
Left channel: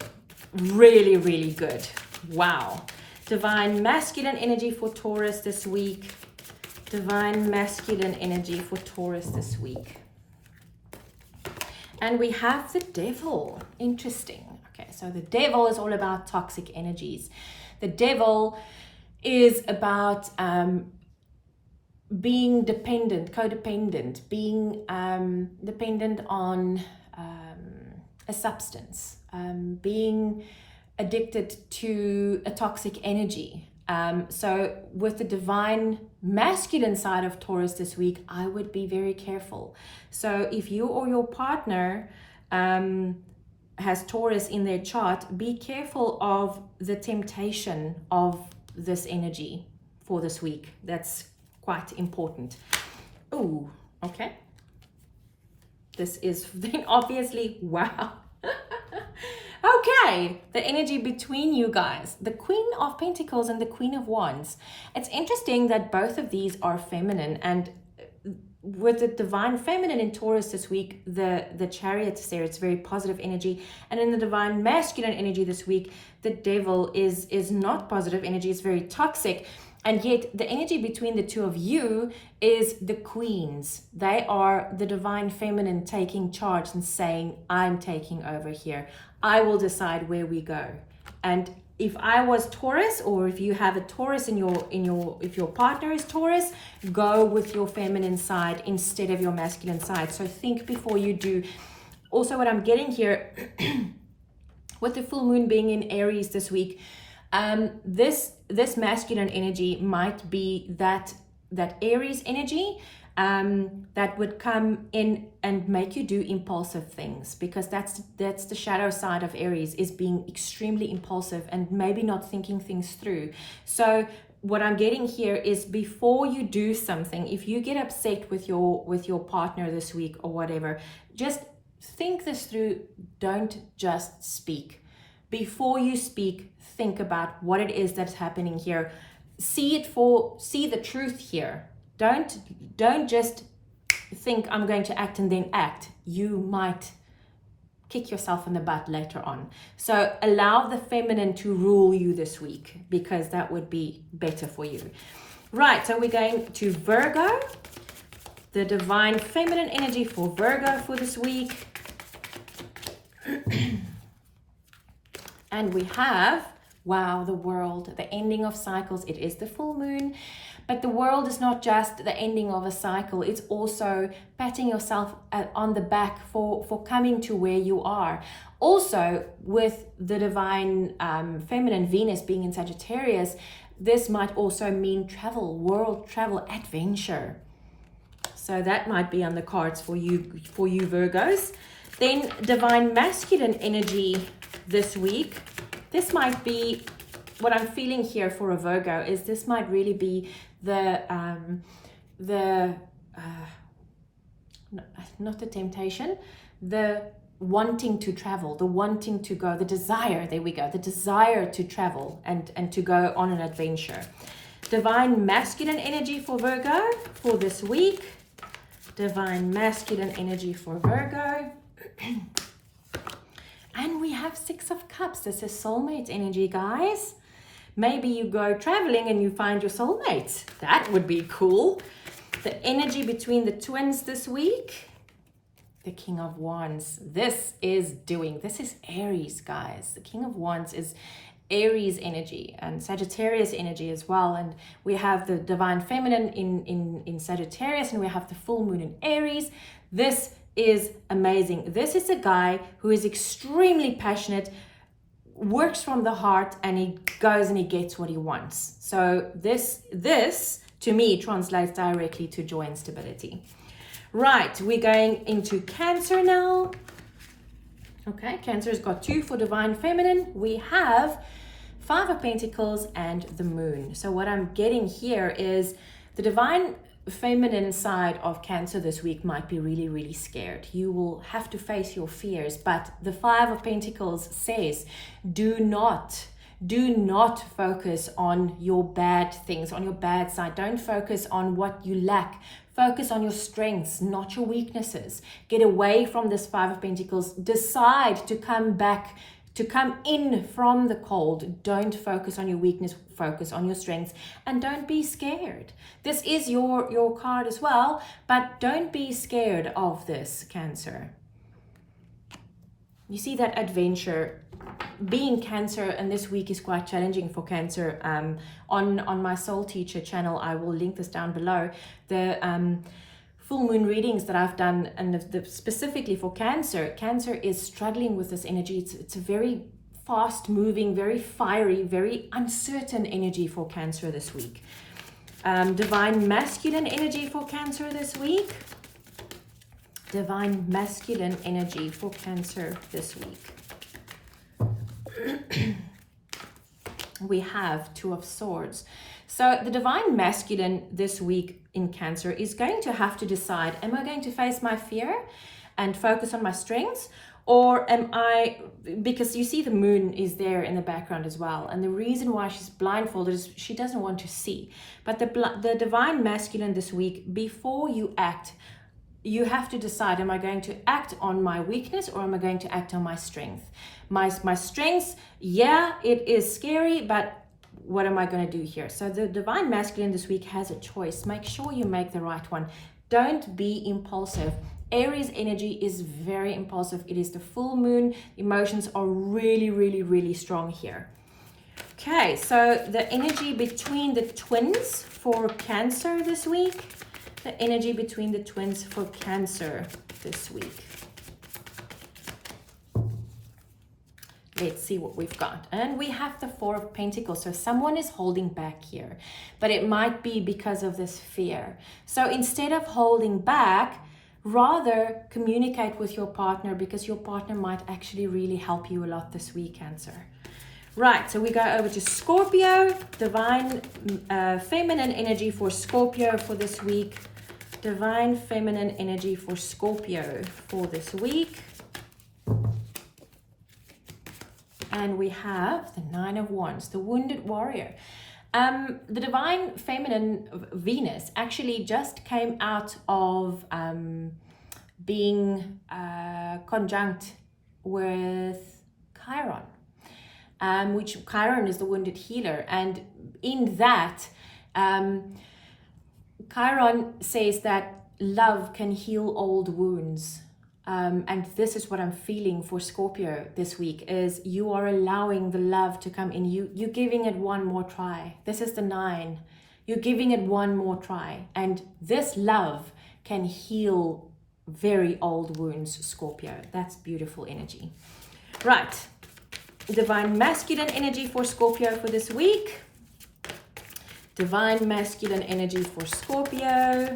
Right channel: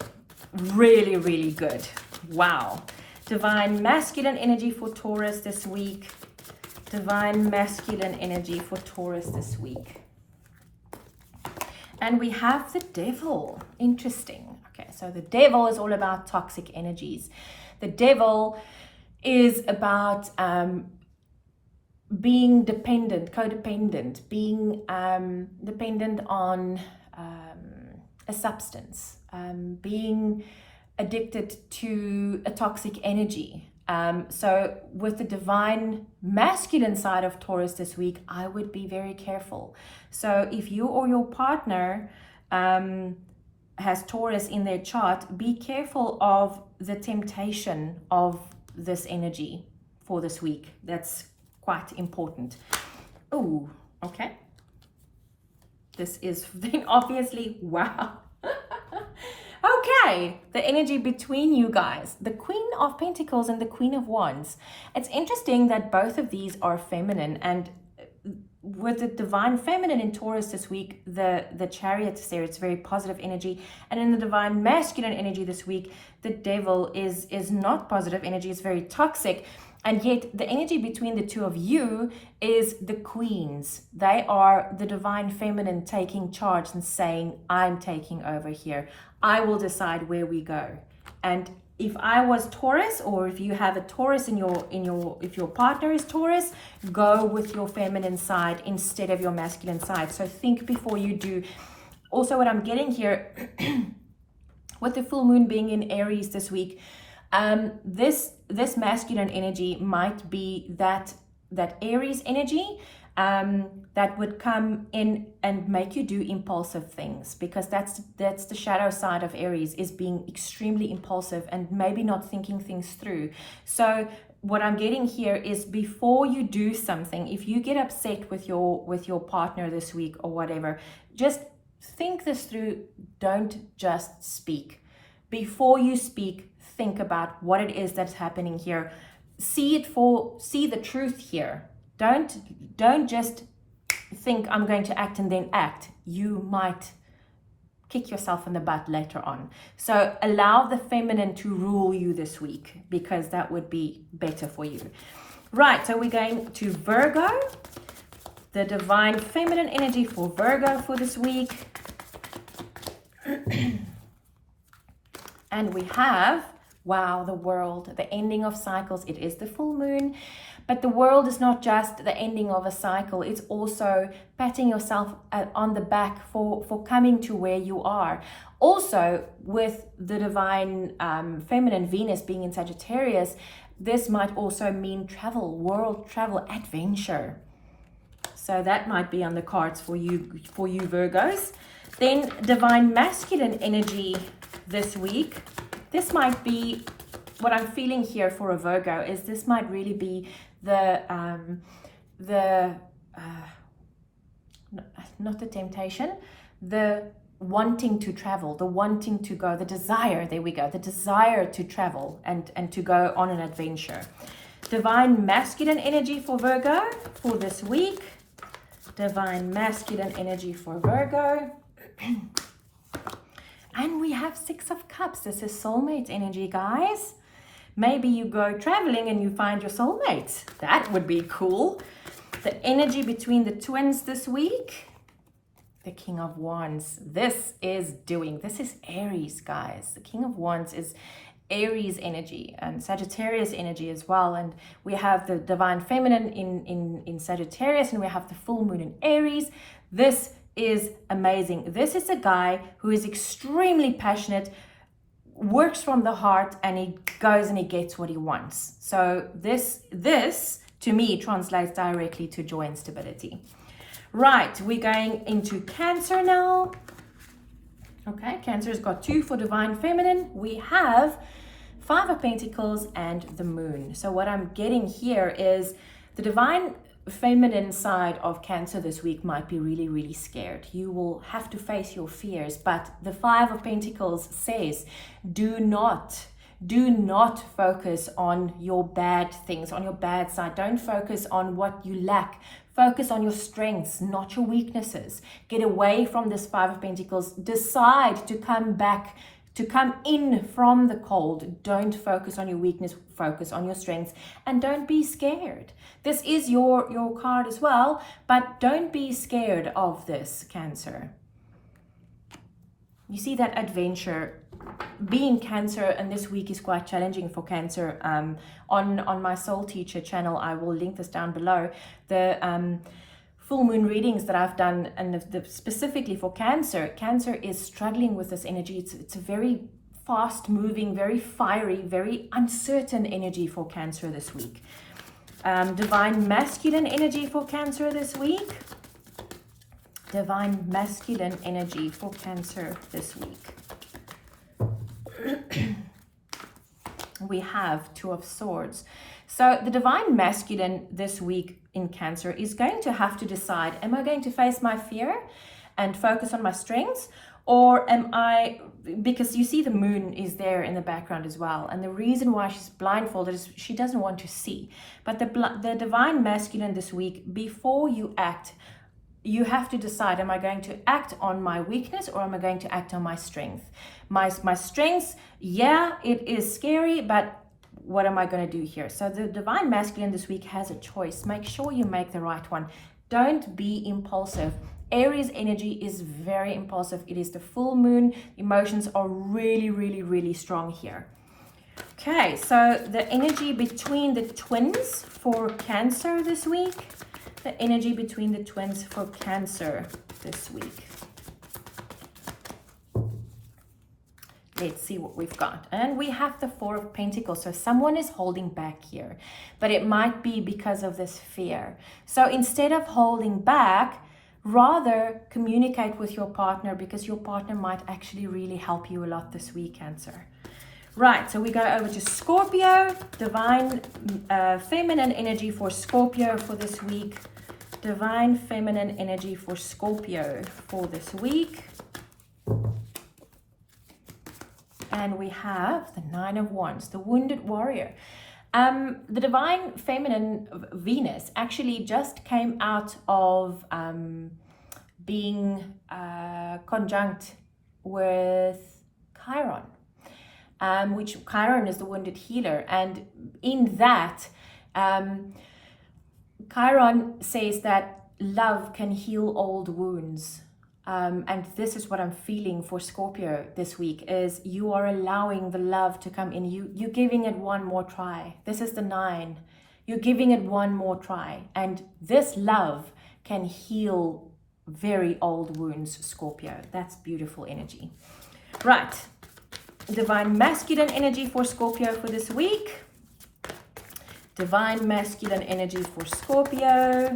really, really good. Wow. Divine masculine energy for Taurus this week. Divine masculine energy for Taurus this week. And we have the devil. Interesting. Okay, so the devil is all about toxic energies. The devil is about being dependent, codependent, being dependent on a substance, being addicted to a toxic energy. So with the divine masculine side of Taurus this week, I would be very careful. So if you or your partner has Taurus in their chart, be careful of the temptation of this energy for this week. That's quite important. Oh, okay. This is then obviously, wow. Okay, the energy between you guys, the Queen of Pentacles and the Queen of Wands. It's interesting that both of these are feminine, and with the divine feminine in Taurus this week, the Chariot is there. It's very positive energy. And in the divine masculine energy this week, the devil is not positive energy. It's very toxic. And yet the energy between the two of you is the queens. They are the divine feminine taking charge and saying, I'm taking over here. I will decide where we go. And if I was Taurus, or if you have a Taurus if your partner is Taurus, go with your feminine side instead of your masculine side. So think before you do. Also, what I'm getting here with the full moon being in Aries this week, this masculine energy might be that Aries energy that would come in and make you do impulsive things, because that's the shadow side of Aries, is being extremely impulsive and maybe not thinking things through. So what I'm getting here is, before you do something, if you get upset with your partner this week or whatever, just think this through. Don't just speak. Before you speak, think about what it is that's happening here. See the truth here. Don't just think I'm going to act and then act. You might kick yourself in the butt later on. So allow the feminine to rule you this week, because that would be better for you. Right, so we're going to Virgo. The divine feminine energy for Virgo for this week. And we have, wow, the world, the ending of cycles. It is the full moon, but the world is not just the ending of a cycle. It's also patting yourself on the back for coming to where you are. Also, with the divine feminine Venus being in Sagittarius, this might also mean travel, world travel, adventure. So that might be on the cards for you Virgos. Then divine masculine energy this week. This might be what I'm feeling here for a Virgo is this might really be the not the temptation, the wanting to travel, the wanting to go, the desire, there we go, the desire to travel and to go on an adventure. Divine masculine energy for Virgo for this week. Divine masculine energy for Virgo. And we have Six of Cups. This is soulmate energy, guys. Maybe you go traveling and you find your soulmate. That would be cool. The energy between the twins this week. The King of Wands. This is Aries, guys. The King of Wands is Aries energy and Sagittarius energy as well. And we have the divine feminine in Sagittarius, and we have the full moon in Aries. This is amazing. This is a guy who is extremely passionate, works from the heart, and he goes and he gets what he wants. So this to me translates directly to joy and stability. Right, we're going into Cancer now. Okay, Cancer's got 2 for divine feminine. We have 5 of Pentacles and the moon. So what I'm getting here is the divine feminine side of Cancer this week might be really, really scared. You will have to face your fears, but the 5 of Pentacles says do not focus on your bad things, on your bad side. Don't focus on what you lack. Focus on your strengths, not your weaknesses. Get away from this 5 of Pentacles. Decide to come in from the cold. Don't focus on your weakness, focus on your strengths, and don't be scared. This is your card as well, but don't be scared of this, Cancer. You see that adventure being Cancer, and this week is quite challenging for Cancer. On my Soul Teacher channel, I will link this down below, the full moon readings that I've done, and specifically for Cancer. Cancer is struggling with this energy. It's a very fast moving, very fiery, very uncertain energy for Cancer this week. Divine masculine energy for Cancer this week. Divine masculine energy for Cancer this week. We have 2 of Swords. So the divine masculine this week in Cancer is going to have to decide, am I going to face my fear and focus on my strengths, or am I, because you see the moon is there in the background as well, and the reason why she's blindfolded is she doesn't want to see. But the divine masculine this week, before you act, you have to decide, am I going to act on my weakness or am I going to act on my strength? My strengths, yeah, it is scary, but what am I going to do here? So the divine masculine this week has a choice. Make sure you make the right one. Don't be impulsive. Aries energy is very impulsive. It is the full moon. Emotions are really, really, really strong here. Okay, so the energy between the twins for Cancer this week. The energy between the twins for Cancer this week. Let's see what we've got. And we have the 4 of Pentacles. So someone is holding back here, but it might be because of this fear. So instead of holding back, rather communicate with your partner, because your partner might actually really help you a lot this week, Cancer. Right, so we go over to Scorpio. Divine feminine energy for Scorpio for this week. Divine feminine energy for Scorpio for this week. And we have the 9 of Wands, the wounded warrior. The divine feminine Venus actually just came out of being conjunct with Chiron. Which Chiron is the wounded healer, and in that Chiron says that love can heal old wounds, and this is what I'm feeling for Scorpio this week, is you are allowing the love to come in. You're giving it one more try. This is the 9. You're giving it one more try, and this love can heal very old wounds, Scorpio. That's beautiful energy. Right. Divine masculine energy for Scorpio for this week. Divine masculine energy for Scorpio.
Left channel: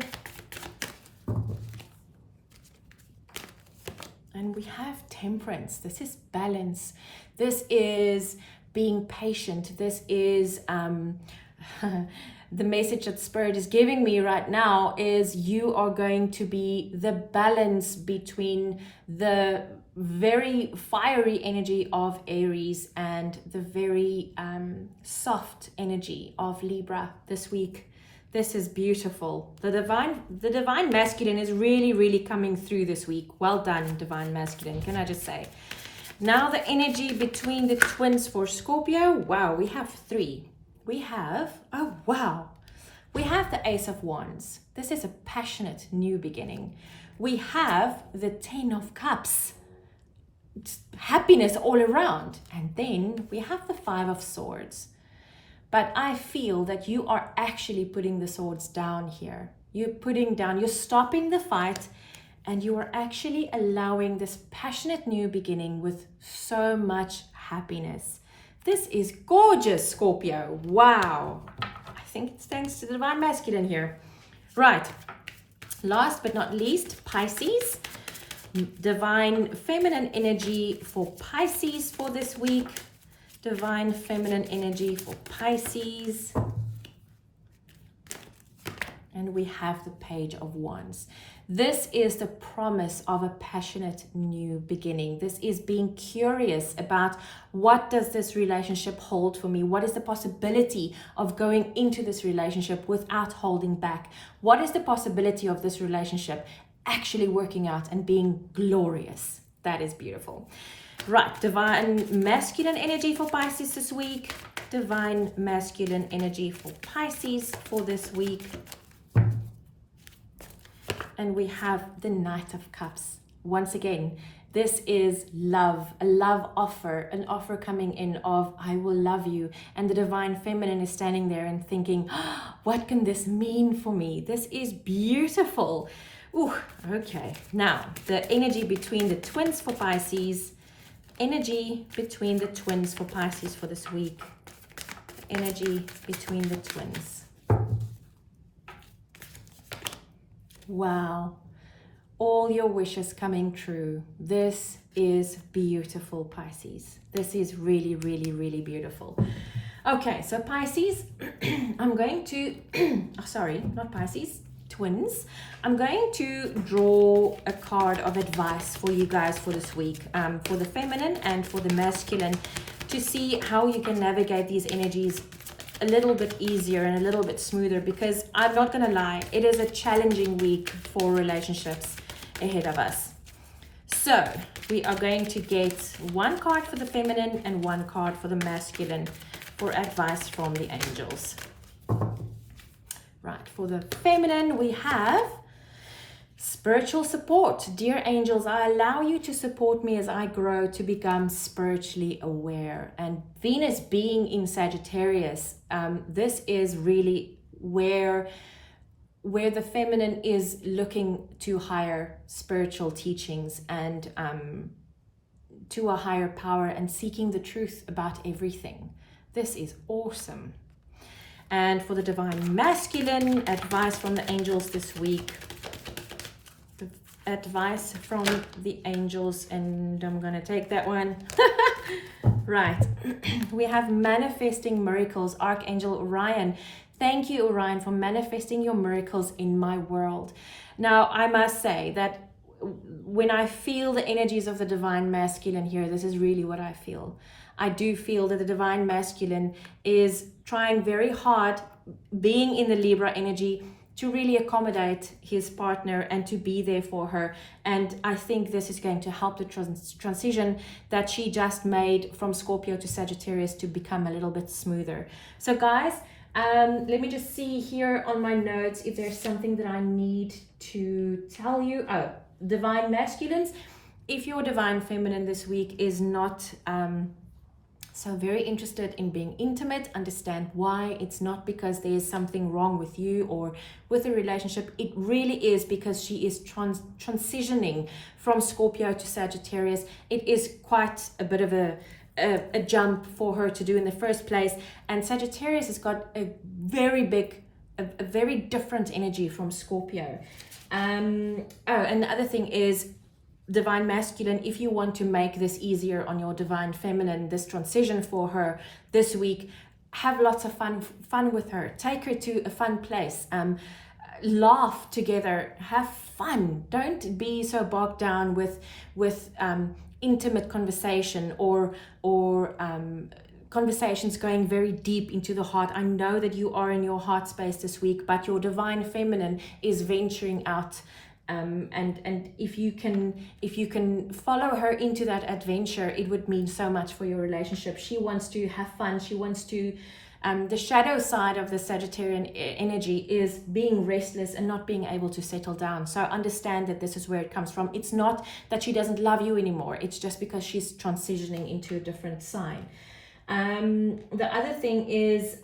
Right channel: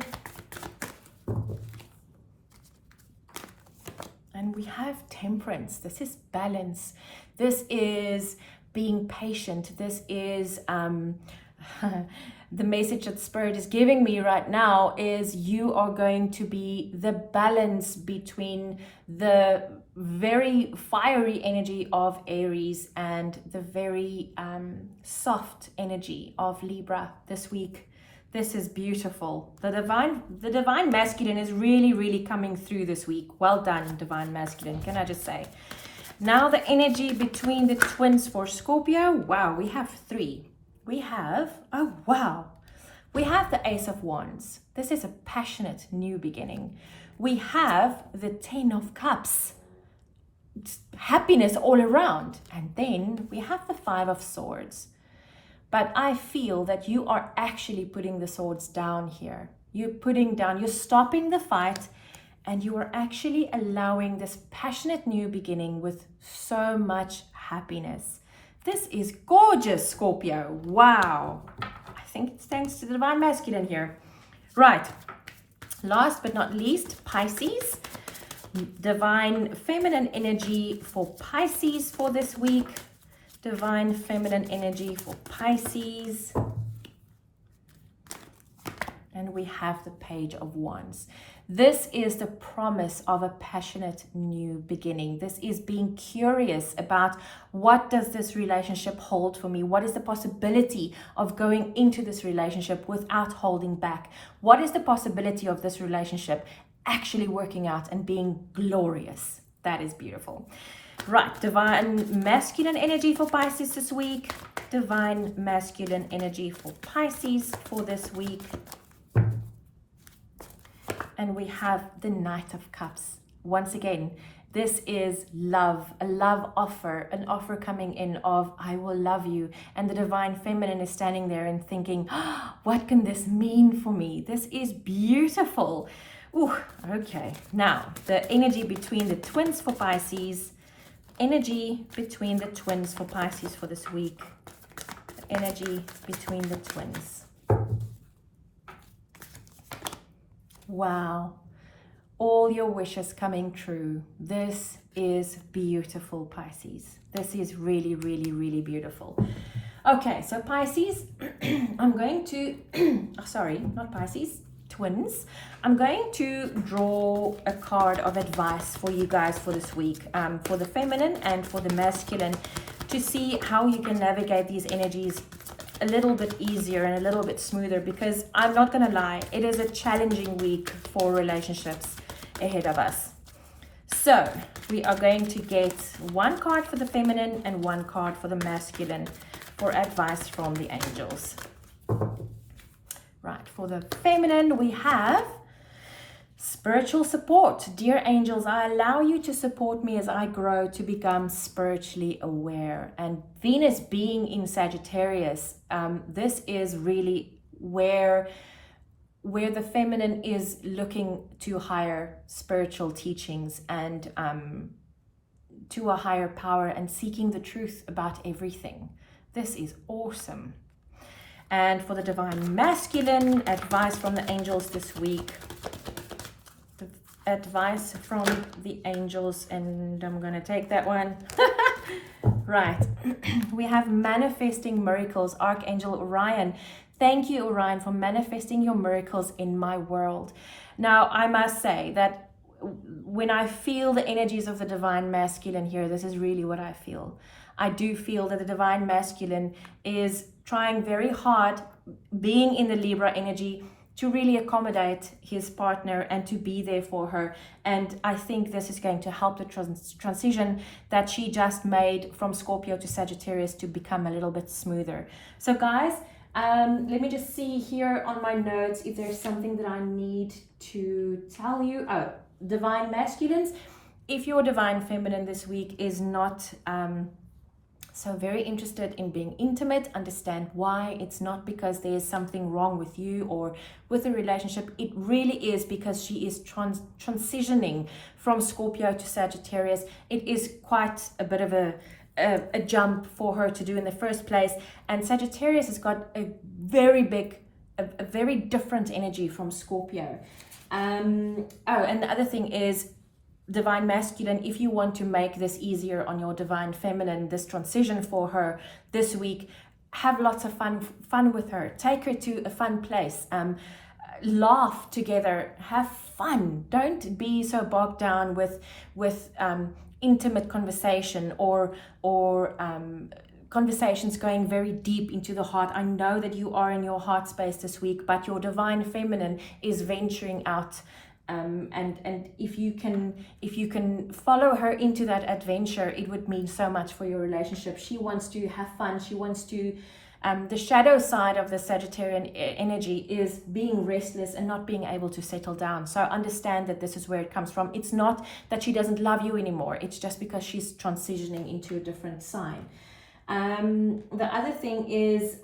And we have Temperance. This is balance. This is being patient. This is the message that Spirit is giving me right now is you are going to be the balance between the very fiery energy of Aries and the very soft energy of Libra this week. This is beautiful. The divine masculine is really, really coming through this week. Well done, divine masculine, can I just say. Now the energy between the twins for Scorpio. Wow, we have three. We have, oh wow, we have the Ace of Wands. This is a passionate new beginning. We have the 10 of Cups. Happiness all around. And then we have the 5 of Swords. But I feel that you are actually putting the swords down here. You're stopping the fight, and you are actually allowing this passionate new beginning with so much happiness. This is gorgeous, Scorpio. Wow. I think it's thanks to the divine masculine here. Right. Last but not least, Pisces. Divine feminine energy for Pisces for this week. Divine feminine energy for Pisces. And we have the Page of Wands. This is the promise of a passionate new beginning. This is being curious about what does this relationship hold for me? What is the possibility of going into this relationship without holding back? What is the possibility of this relationship actually working out and being glorious? That is beautiful. Right, divine masculine energy for Pisces this week. Divine masculine energy for Pisces for this week. And we have the Knight of Cups. Once again, this is love, a love offer, an offer coming in of, I will love you. And the divine feminine is standing there and thinking, oh, what can this mean for me? This is beautiful. Ooh, okay. Now, the energy between the twins for Pisces. Energy between the twins for Pisces for this week. The energy between the twins. Wow, all your wishes coming true. This is beautiful, Pisces. This is really, really, really beautiful. Okay, so Pisces, I'm going to, oh, sorry, not Pisces, twins. I'm going to draw a card of advice for you guys for this week, for the feminine and for the masculine, to see how you can navigate these energies a little bit easier and a little bit smoother, because I'm not gonna lie, it is a challenging week for relationships ahead of us. So we are going to get one card for the feminine and one card for the masculine for advice from the angels. Right, for the feminine we have spiritual support. Dear angels, I allow you to support me as I grow to become spiritually aware. And Venus being in Sagittarius, this is really where the feminine is looking to higher spiritual teachings and to a higher power and seeking the truth about everything. This is awesome. And for the divine masculine, advice from the angels this week. Advice from the angels, and I'm gonna take that one. Right. We have manifesting miracles, Archangel Orion. Thank you, Orion, for manifesting your miracles in my world. Now, I must say that when I feel the energies of the divine masculine here, this is really what I feel. I do feel that the divine masculine is trying very hard, being in the Libra energy, to really accommodate his partner and to be there for her. And I think this is going to help the transition that she just made from Scorpio to Sagittarius to become a little bit smoother. So guys, let me just see here on my notes if there's something that I need to tell you. Oh, divine masculines. If your divine feminine this week is not so very interested in being intimate, understand why. It's not because there's something wrong with you or with the relationship. It really is because she is transitioning from Scorpio to Sagittarius. It is quite a bit of a jump for her to do in the first place. And Sagittarius has got a very different energy from Scorpio. Oh, and the other thing is, divine masculine, if you want to make this easier on your divine feminine, this transition for her this week, have lots of fun with her. Take her to a fun place. Laugh together. Have fun. Don't be so bogged down with intimate conversation or conversations going very deep into the heart. I know that you are in your heart space this week, but your divine feminine is venturing out. And if you can follow her into that adventure, it would mean so much for your relationship. She wants to have fun. She wants to, the shadow side of the Sagittarian energy is being restless and not being able to settle down. So understand that this is where it comes from. It's not that she doesn't love you anymore. It's just because she's transitioning into a different sign. The other thing is,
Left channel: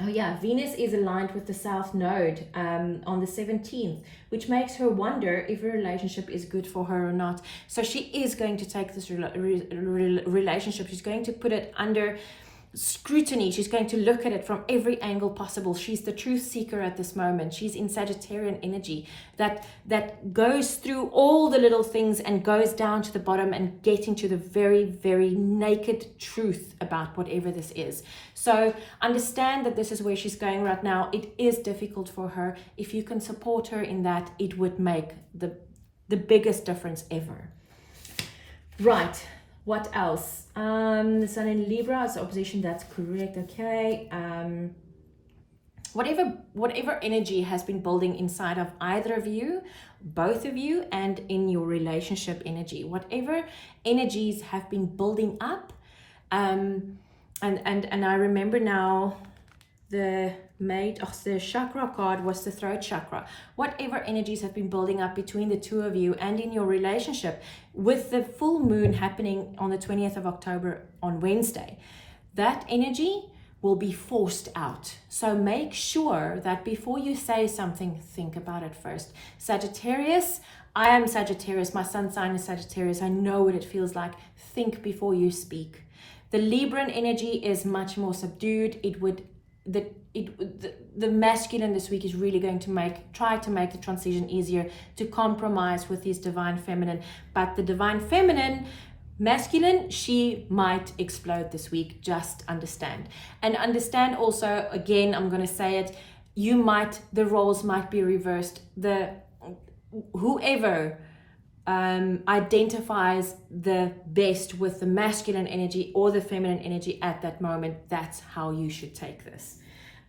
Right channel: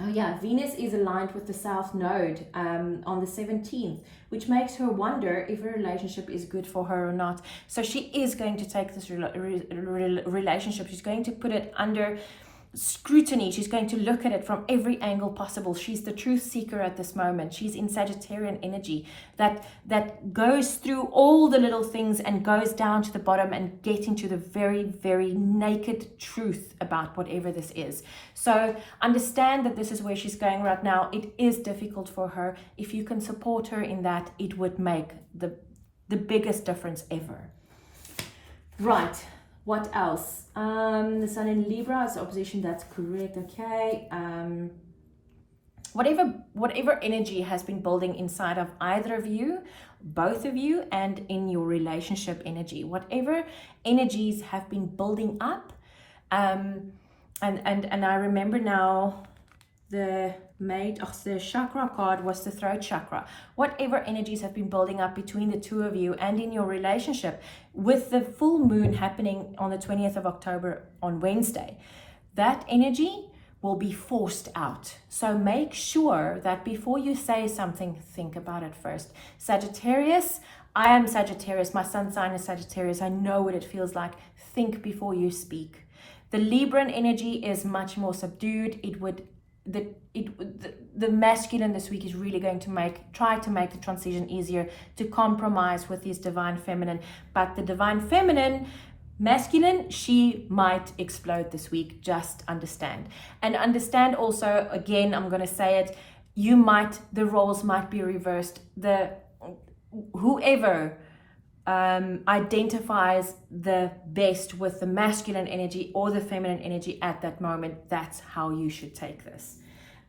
Venus is aligned with the South Node on the 17th, which makes her wonder if a relationship is good for her or not. So she is going to take this relationship, she's going to put it under scrutiny. She's going to look at it from every angle possible. She's the truth seeker at this moment. She's in Sagittarian energy that goes through all the little things and goes down to the bottom and getting to the very, very naked truth about whatever this is. So understand that this is where she's going right now. It is difficult for her. If you can support her in that, it would make the biggest difference ever. Right. What else? The Sun in Libra is opposition. That's correct. Okay. Whatever energy has been building inside of either of you, both of you, and in your relationship energy, whatever energies have been building up, and I remember now the the chakra card was the throat chakra. Whatever energies have been building up between the two of you and in your relationship, with the full moon happening on the 20th of October on Wednesday, that energy will be forced out. So make sure that before you say something, think about it first. Sagittarius, I am Sagittarius. My sun sign is Sagittarius. I know what it feels like. Think before you speak. The Libran energy is much more subdued. The masculine this week is really going to try to make the transition easier, to compromise with his divine feminine. But the divine feminine, masculine, she might explode this week. Just understand. And understand also, again, I'm going to say it, the roles might be reversed. Whoever identifies the best with the masculine energy or the feminine energy at that moment, that's how you should take this.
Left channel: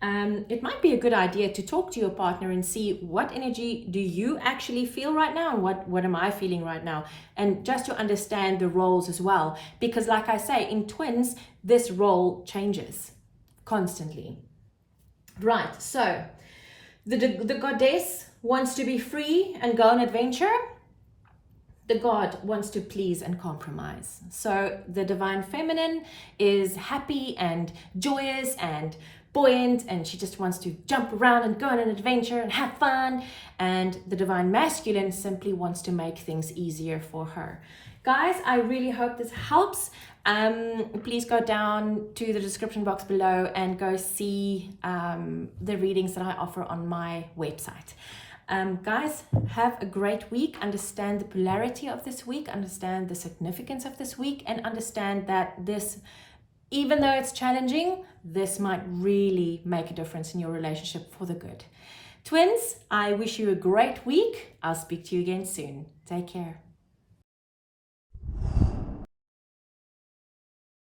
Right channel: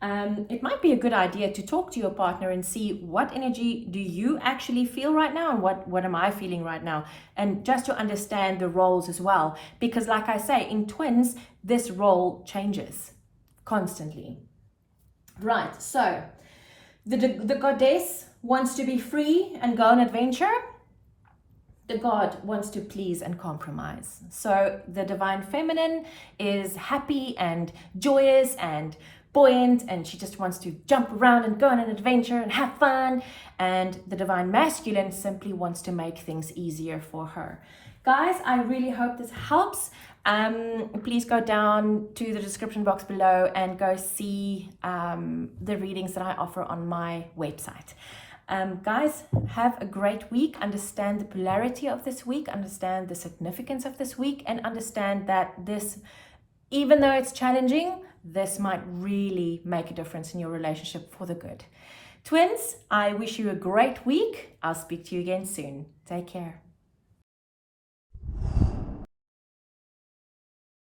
It might be a good idea to talk to your partner and see what energy do you actually feel right now and what am I feeling right now, and just to understand the roles as well, because like I say, in twins this role changes constantly. Right, so the goddess wants to be free and go on adventure. The god wants to please and compromise. So the divine feminine is happy and joyous and buoyant, and she just wants to jump around and go on an adventure and have fun. And the divine masculine simply wants to make things easier for her. Guys, I really hope this helps. Please go down to the description box below and go see the readings that I offer on my website. Guys, have a great week. Understand the polarity of this week, understand the significance of this week, and understand that this, even though it's challenging, this might really make a difference in your relationship for the good. Twins, I wish you a great week. I'll speak to you again soon. Take care.